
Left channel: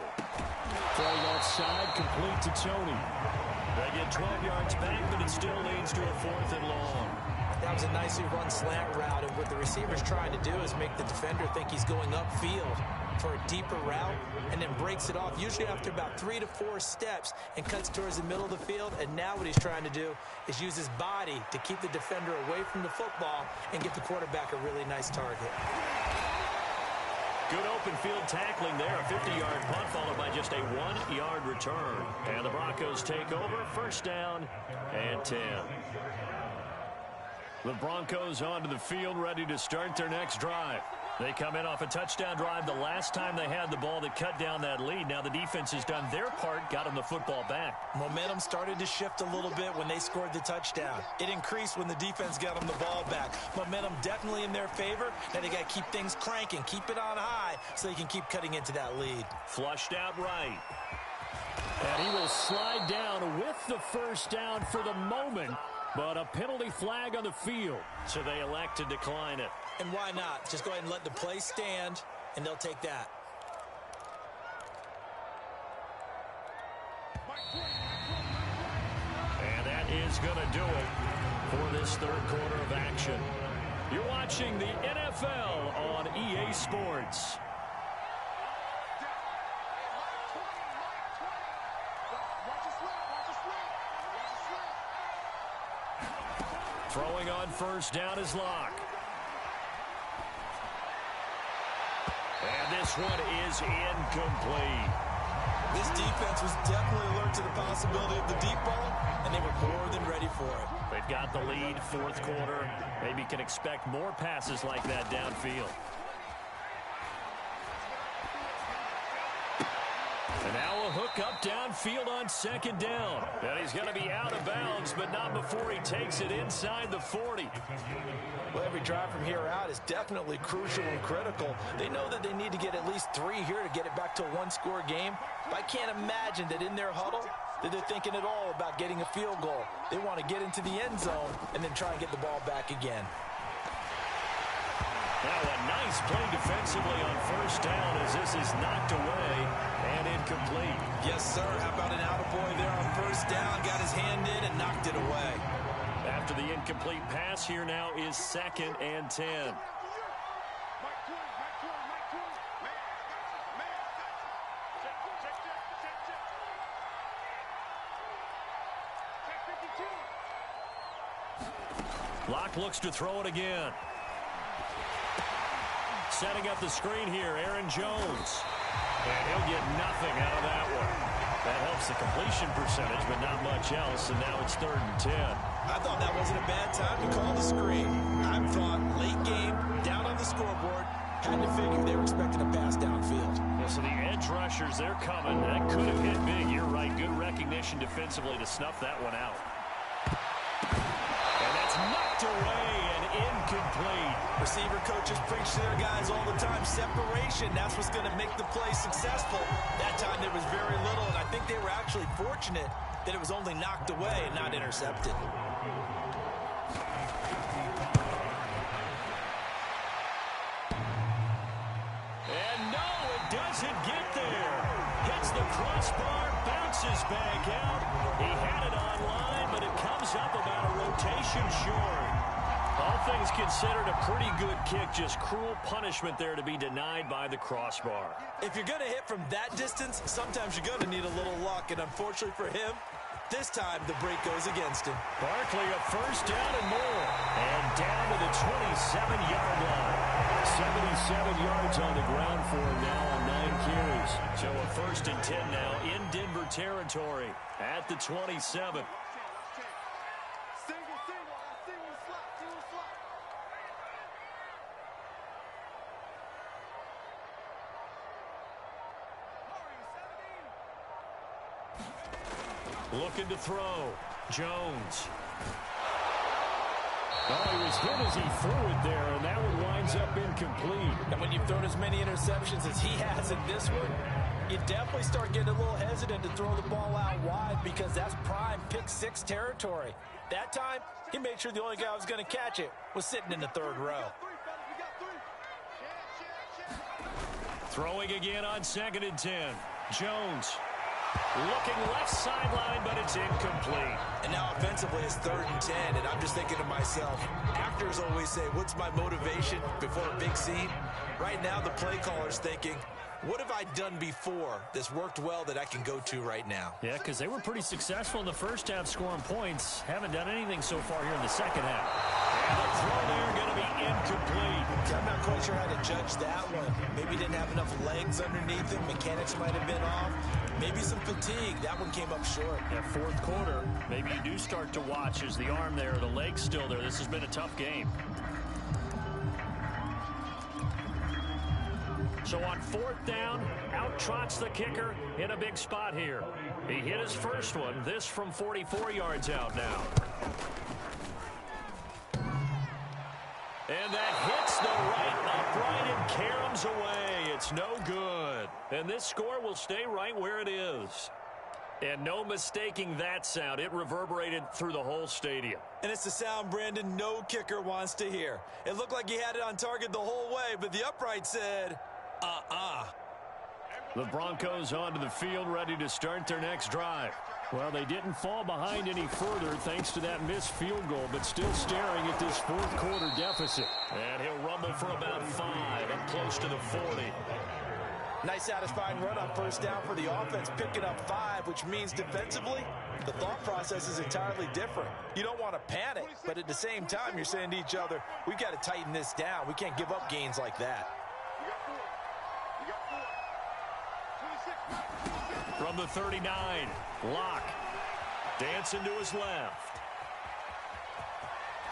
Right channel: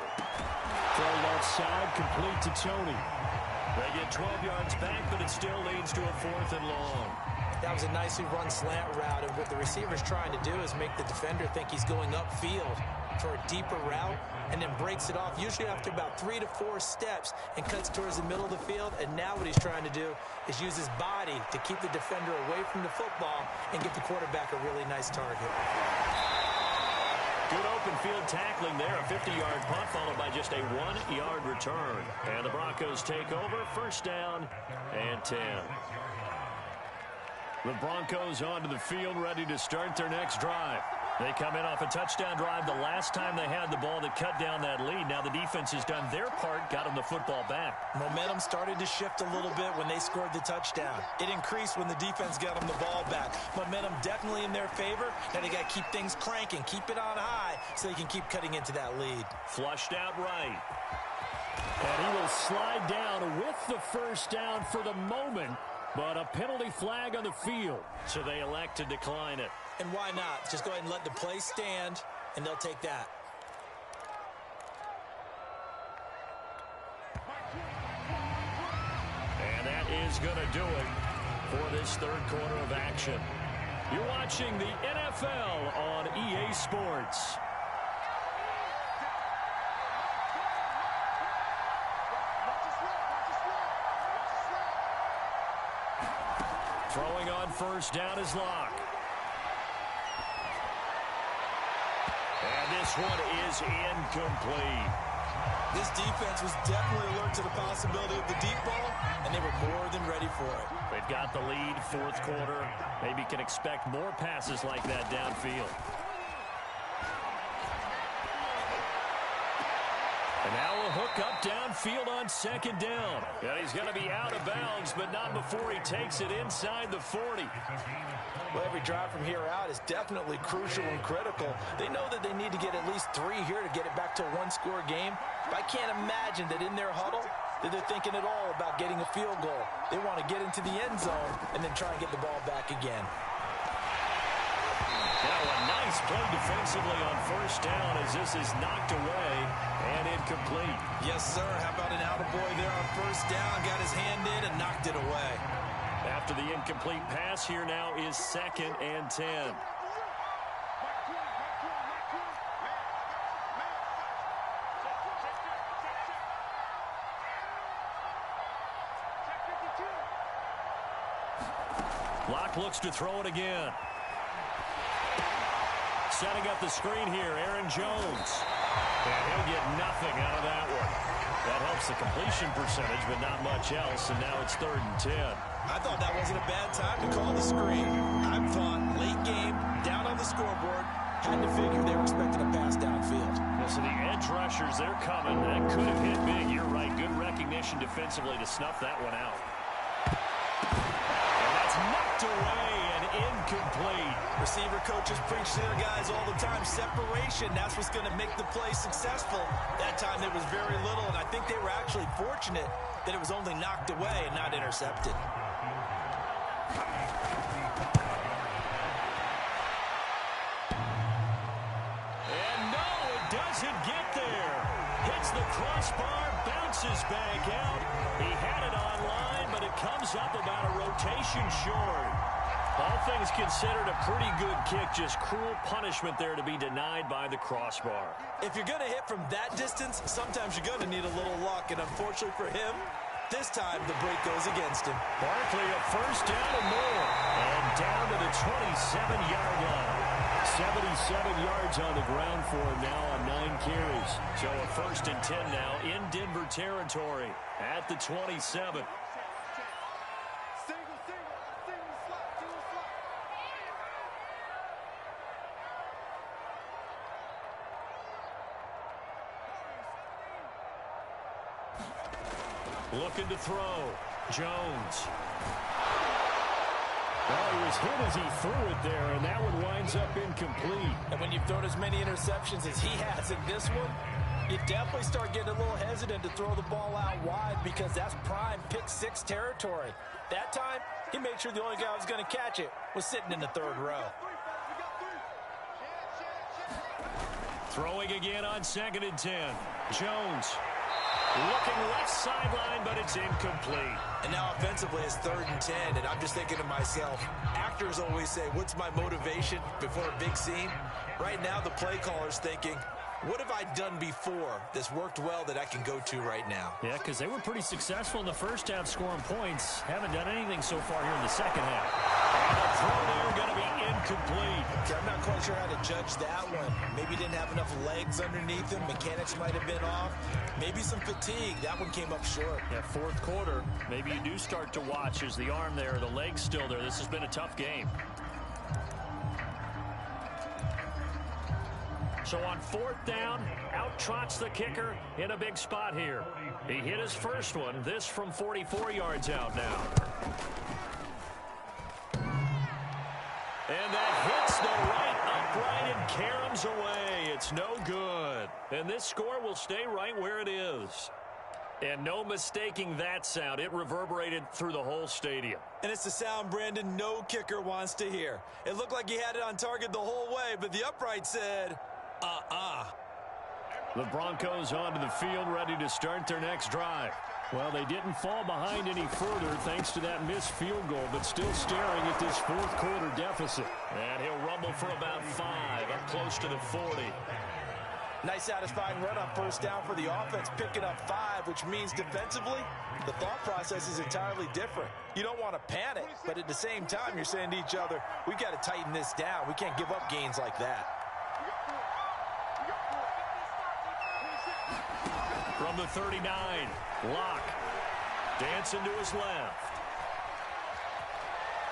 Throw left side, complete to Toney. They get 12 yards back, but it still leads to a 4th and long. That was a nicely run slant route, and what the receiver's trying to do is make the defender think he's going upfield for a deeper route, and then breaks it off, usually after about 3 to 4 steps, and cuts towards the middle of the field. And now what he's trying to do is use his body to keep the defender away from the football and give the quarterback a really nice target. Good open field tackling there. A 50-yard punt followed by just a 1-yard return. And the Broncos take over. 1st down and 10. The Broncos onto the field, ready to start their next drive. They come in off a touchdown drive the last time they had the ball that cut down that lead. Now the defense has done their part, got them the football back. Momentum started to shift a little bit when they scored the touchdown. It increased when the defense got them the ball back. Momentum definitely in their favor. Now they got to keep things cranking, keep it on high so they can keep cutting into that lead. Flushed out right. And he will slide down with the first down for the moment, but a penalty flag on the field, so they elect to decline it. And why not? Just go ahead and let the play stand, and they'll take that. And that is going to do it for this third quarter of action. You're watching the NFL on EA Sports. Throwing on first down is Locke. And this one is incomplete. This defense was definitely alert to the possibility of the deep ball, and they were more than ready for it. They've got the lead, fourth quarter. Maybe can expect more passes like that downfield. And now a hook up downfield on second down. And he's going to be out of bounds, but not before he takes it inside the 40. Well, every drive from here out is definitely crucial and critical. They know that they need to get at least 3 here to get it back to a one-score game. But I can't imagine that in their huddle that they're thinking at all about getting a field goal. They want to get into the end zone and then try and get the ball back again. Now a nice play defensively on first down as this is knocked away and incomplete. Yes, sir. How about an attaboy there on first down? Got his hand in and knocked it away. After the incomplete pass, here now is 2nd and 10. Locke looks to throw it again. Setting up the screen here, Aaron Jones. And he'll get nothing out of that one. That helps the completion percentage, but not much else, and now it's 3rd and 10. I thought that wasn't a bad time to call the screen. I thought late game, down on the scoreboard, had to figure they were expecting a pass downfield. Yeah, so the edge rushers, they're coming. That could have hit big. You're right. Good recognition defensively to snuff that one out. And that's knocked away and incomplete. Receiver coaches preach to their guys all the time. Separation, that's what's going to make the play successful. That time there was very little, and I think they were actually fortunate that it was only knocked away and not intercepted. And no, it doesn't get there. Hits the crossbar, bounces back out. He had it online, but it comes up about a rotation short. All things considered, a pretty good kick. Just cruel punishment there to be denied by the crossbar. If you're going to hit from that distance, sometimes you're going to need a little luck. And unfortunately for him, this time the break goes against him. Barkley a first down and more. And down to the 27-yard line. 77 yards on the ground for him now on 9 carries. So a 1st and 10 now in Denver territory at the 27. Looking to throw. Jones. Well, he was hit as he threw it there, and that one winds up incomplete. And when you've thrown as many interceptions as he has in this one, you definitely start getting a little hesitant to throw the ball out wide because that's prime pick 6 territory. That time, he made sure the only guy who was going to catch it was sitting in the 3rd row. Throwing again on 2nd and 10. Jones. Looking left sideline, but it's incomplete. And now offensively it's 3rd and 10, and I'm just thinking to myself, actors always say, what's my motivation before a big scene? Right now the play caller's thinking, what have I done before that's worked well that I can go to right now? Yeah, because they were pretty successful in the first half scoring points. Haven't done anything so far here in the second half. And the throw there going to be incomplete. Okay, I'm not quite sure how to judge that one. Maybe he didn't have enough legs underneath him. Mechanics might have been off. Maybe some fatigue. That one came up short. Yeah, fourth quarter, maybe you do start to watch. Is the arm there, the leg's still there? This has been a tough game. So on fourth down, out trots the kicker in a big spot here. He hit his first one, this from 44 yards out now. And that hits the right upright and caroms away. It's no good. And this score will stay right where it is. And no mistaking that sound. It reverberated through the whole stadium. And it's the sound, Brandon, no kicker wants to hear. It looked like he had it on target the whole way, but the upright said, The Broncos onto the field, ready to start their next drive. Well, they didn't fall behind any further thanks to that missed field goal, but still staring at this fourth quarter deficit. And he'll rumble for about 5, up close to the 40. Nice satisfying run on first down for the offense, picking up 5, which means defensively, the thought process is entirely different. You don't want to panic, but at the same time, you're saying to each other, we've got to tighten this down. We can't give up gains like that. From the 39, Locke dancing to his left.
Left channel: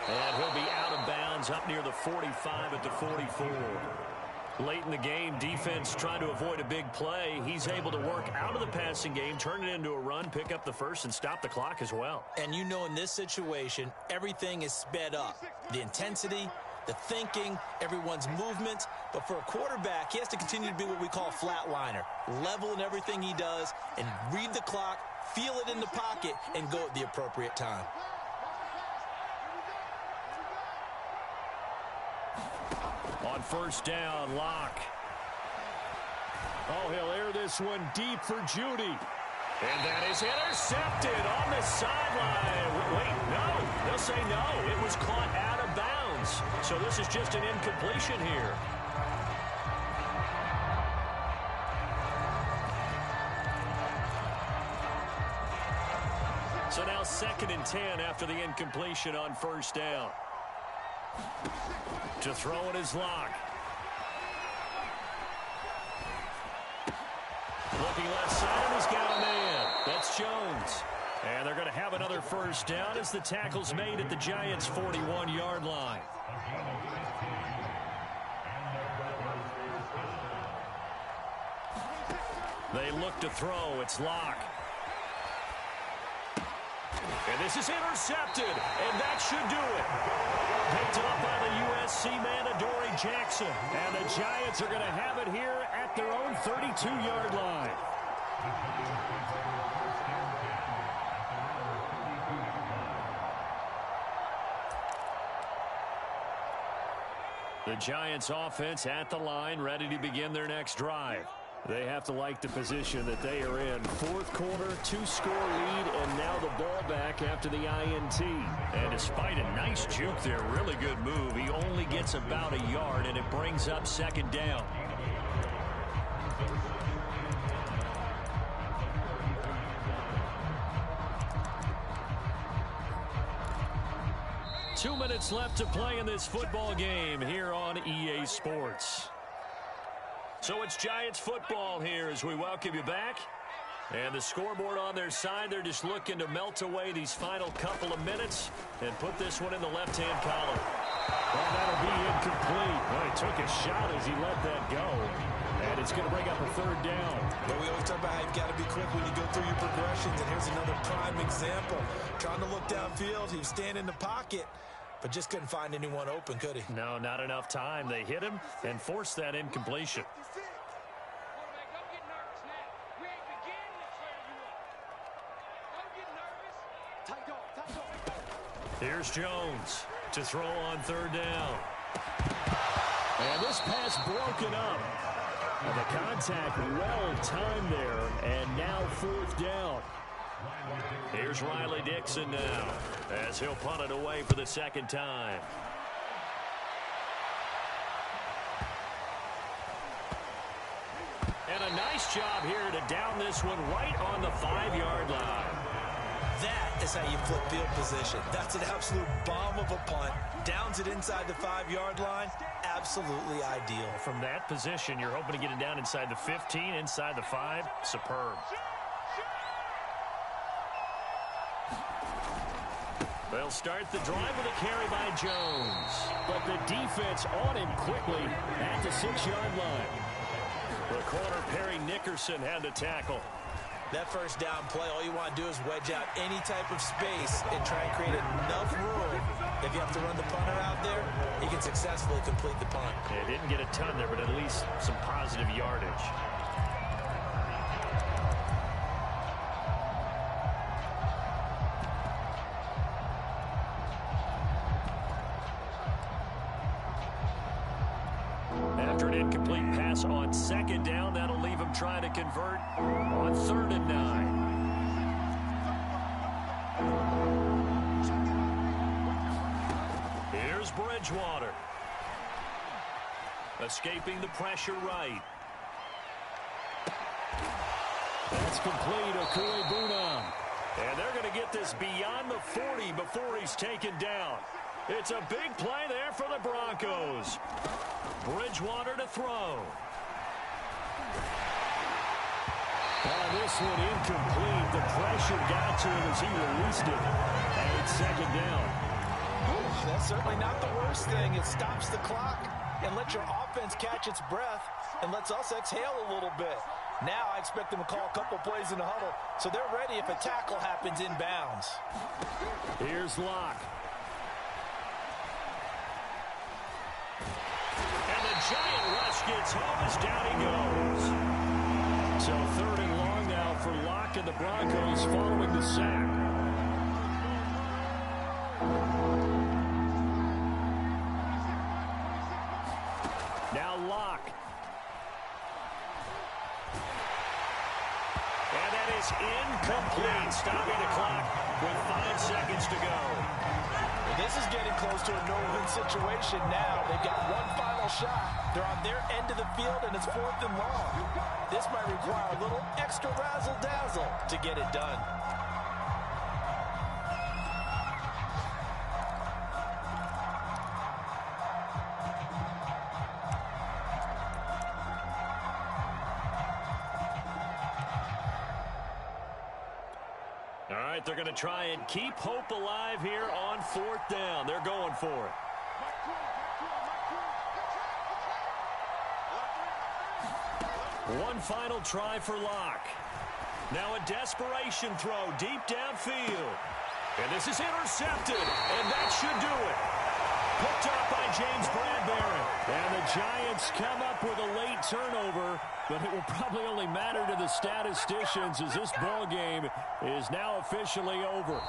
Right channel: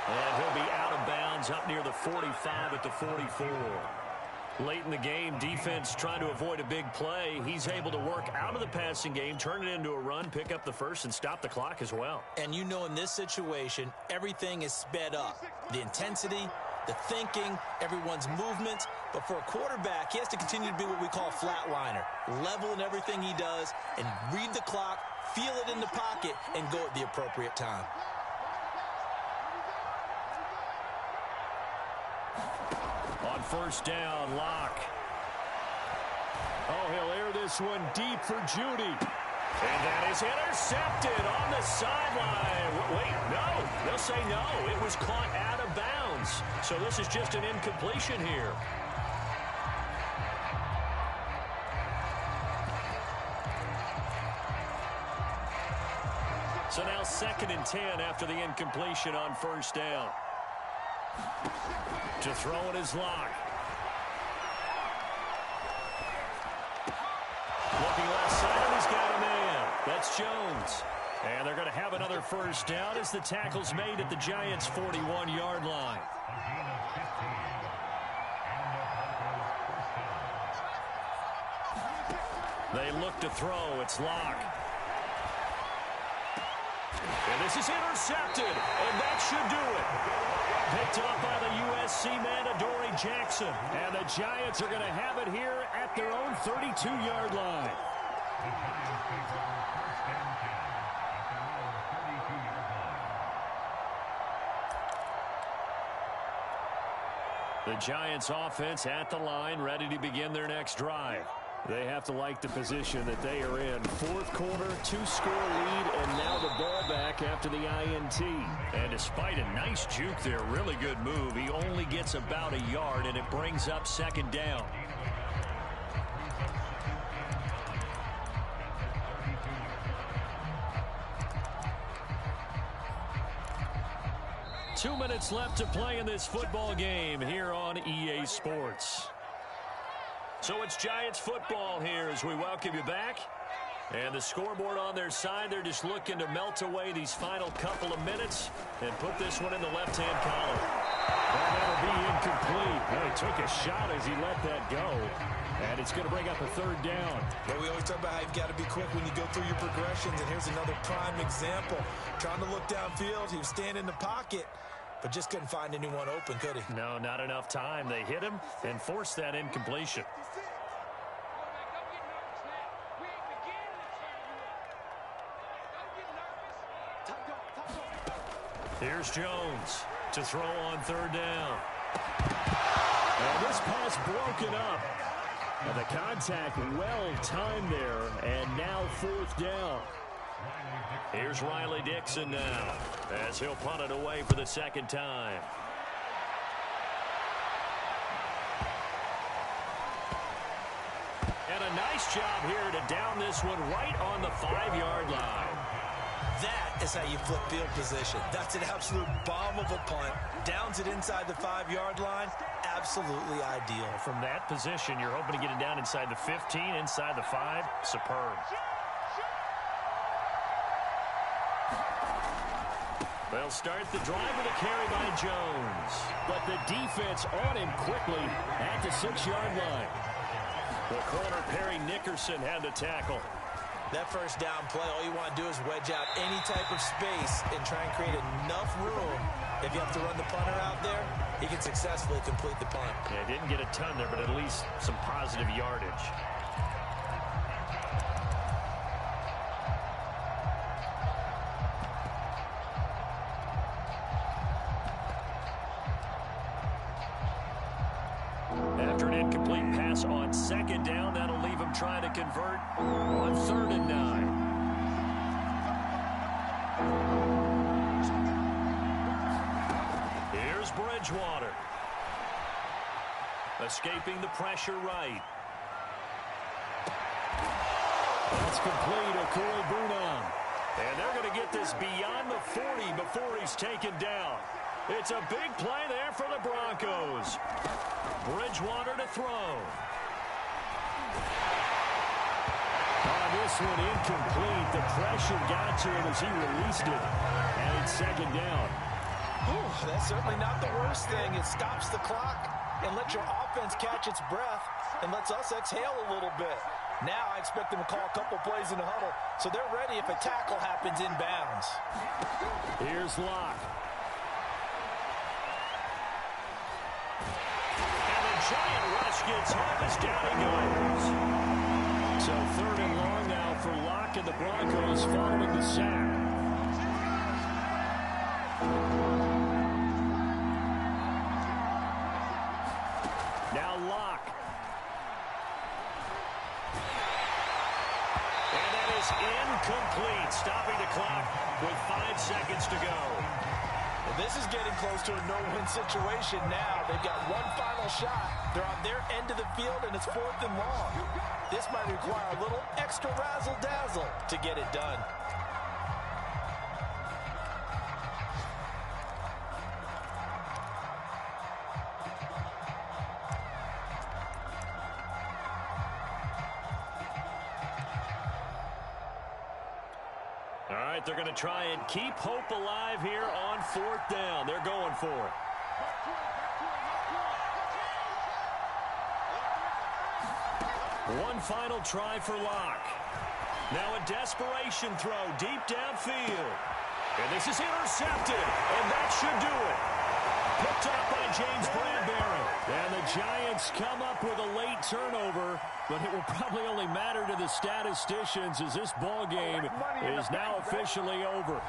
And he'll be out of bounds up near the 45 at the 44. Late in the game, defense trying to avoid a big play. He's able to work out of the passing game, turn it into a run, pick up the first, and stop the clock as well. And you know in this situation, everything is sped up. The intensity, the thinking, everyone's movement. But for a quarterback, he has to continue to be what we call a flatliner. Level in everything he does and read the clock, feel it in the pocket, and go at the appropriate time. On first down, Locke. Oh, he'll air this one deep for Judy. And that is intercepted on the sideline. Wait, no. They'll say no. It was caught out of bounds. So this is just an incompletion here. So now 2nd and 10 after the incompletion on first down. To throw it is Locke. Looking left side, and he's got a man. That's Jones. And they're going to have another first down as the tackle's made at the Giants' 41-yard line. They look to throw. It's Locke. And this is intercepted, and that should do it. Picked up by the USC man, Adoree Jackson. And the Giants are going to have it here at their own 32-yard line. The Giants offense at the line, ready to begin their next drive. They have to like the position that they are in. Fourth quarter, 2-score lead, and now the ball back after the INT. And despite a nice juke there, really good move, he only gets about a yard, and it brings up 2nd down. Two minutes left to play in this football game here on EA Sports. So it's Giants football here as we welcome you back. And the scoreboard on their side, they're just looking to melt away these final couple of minutes and put this one in the left-hand column. Well, that'll be incomplete. Well, he took a shot as he let that go. And it's going to bring up a 3rd down. Well, we always talk about how you've got to be quick when you go through your progressions, and here's another prime example. Trying to look downfield, he was standing in the pocket, but just couldn't find anyone open, could he? No, not enough time. They hit him and forced that incompletion. Here's Jones to throw on 3rd down. And this pass broken up. And the contact well timed there, and now 4th down. Here's Riley Dixon now as he'll punt it away for the 2nd time. And a nice job here to down this one right on the 5-yard line. That is how you flip field position. That's an absolute bomb of a punt. Downs it inside the 5-yard line. Absolutely ideal. From that position, you're hoping to get it down inside the 15, inside the 5. Superb. They'll start the drive with a carry by Jones. But the defense on him quickly at the 6-yard line. The corner, Perry Nickerson, had to tackle. That first down play, all you want to do is wedge out any type of space and try and create enough room. If you have to run the punter out there, he can successfully complete the punt. Yeah, didn't get a ton there, but at least some positive yardage. After an incomplete pass on 2nd down, that'll leave him trying to convert on 3rd and 9. Here's Bridgewater. Escaping the pressure right. That's complete. Okui Bunam. And they're going to get this beyond the 40 before he's taken down. It's a big play there for the Broncos. Bridgewater to throw. On this one, incomplete. The pressure got to him as he released it. And it's 2nd down. Whew, that's certainly not the worst thing. It stops the clock and lets your offense catch its breath and lets us exhale a little bit. Now I expect them to call a couple plays in the huddle so they're ready if a tackle happens inbounds. Here's Locke. And the giant rush gets home as down he goes. So 3rd and long now for Locke and the Broncos following the sack. Now Locke. And that is incomplete, stopping the clock with 5 seconds to go. Well, this is getting close to a no-win situation now. They've got one final shot. They're on their end of the field, and it's 4th and long. This might require a little extra razzle-dazzle to get it done. All right, they're going to try and keep hope alive here on 4th down. They're going for it. One final try for Locke. Now a desperation throw deep downfield. And this is intercepted, and that should do it. Picked up by James Bradbury. And the Giants come up with a late turnover, but it will probably only matter to the statisticians as this ball game is now officially over.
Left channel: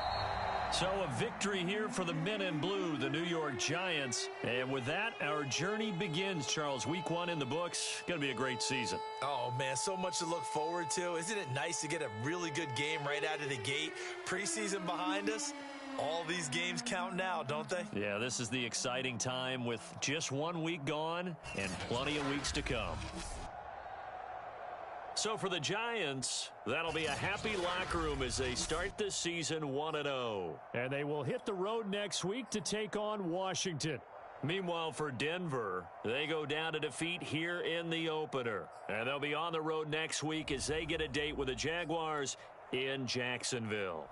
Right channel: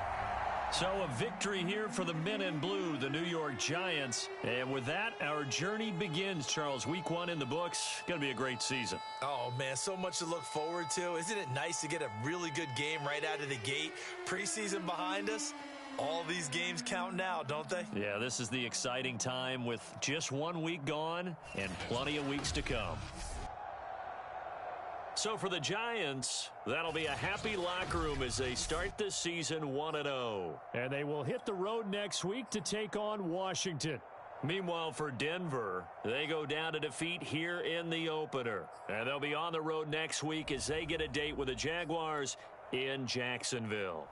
So a victory here for the men in blue, the New York Giants. And with that, our journey begins, Charles. Week 1 in the books. Going to be a great season. Oh, man, so much to look forward to. Isn't it nice to get a really good game right out of the gate? Preseason behind us. All these games count now, don't they? Yeah, this is the exciting time with just 1 week gone and plenty of weeks to come. So for the Giants, that'll be a happy locker room as they start this season 1-0. And they will hit the road next week to take on Washington. Meanwhile, for Denver, they go down to defeat here in the opener. And they'll be on the road next week as they get a date with the Jaguars in Jacksonville.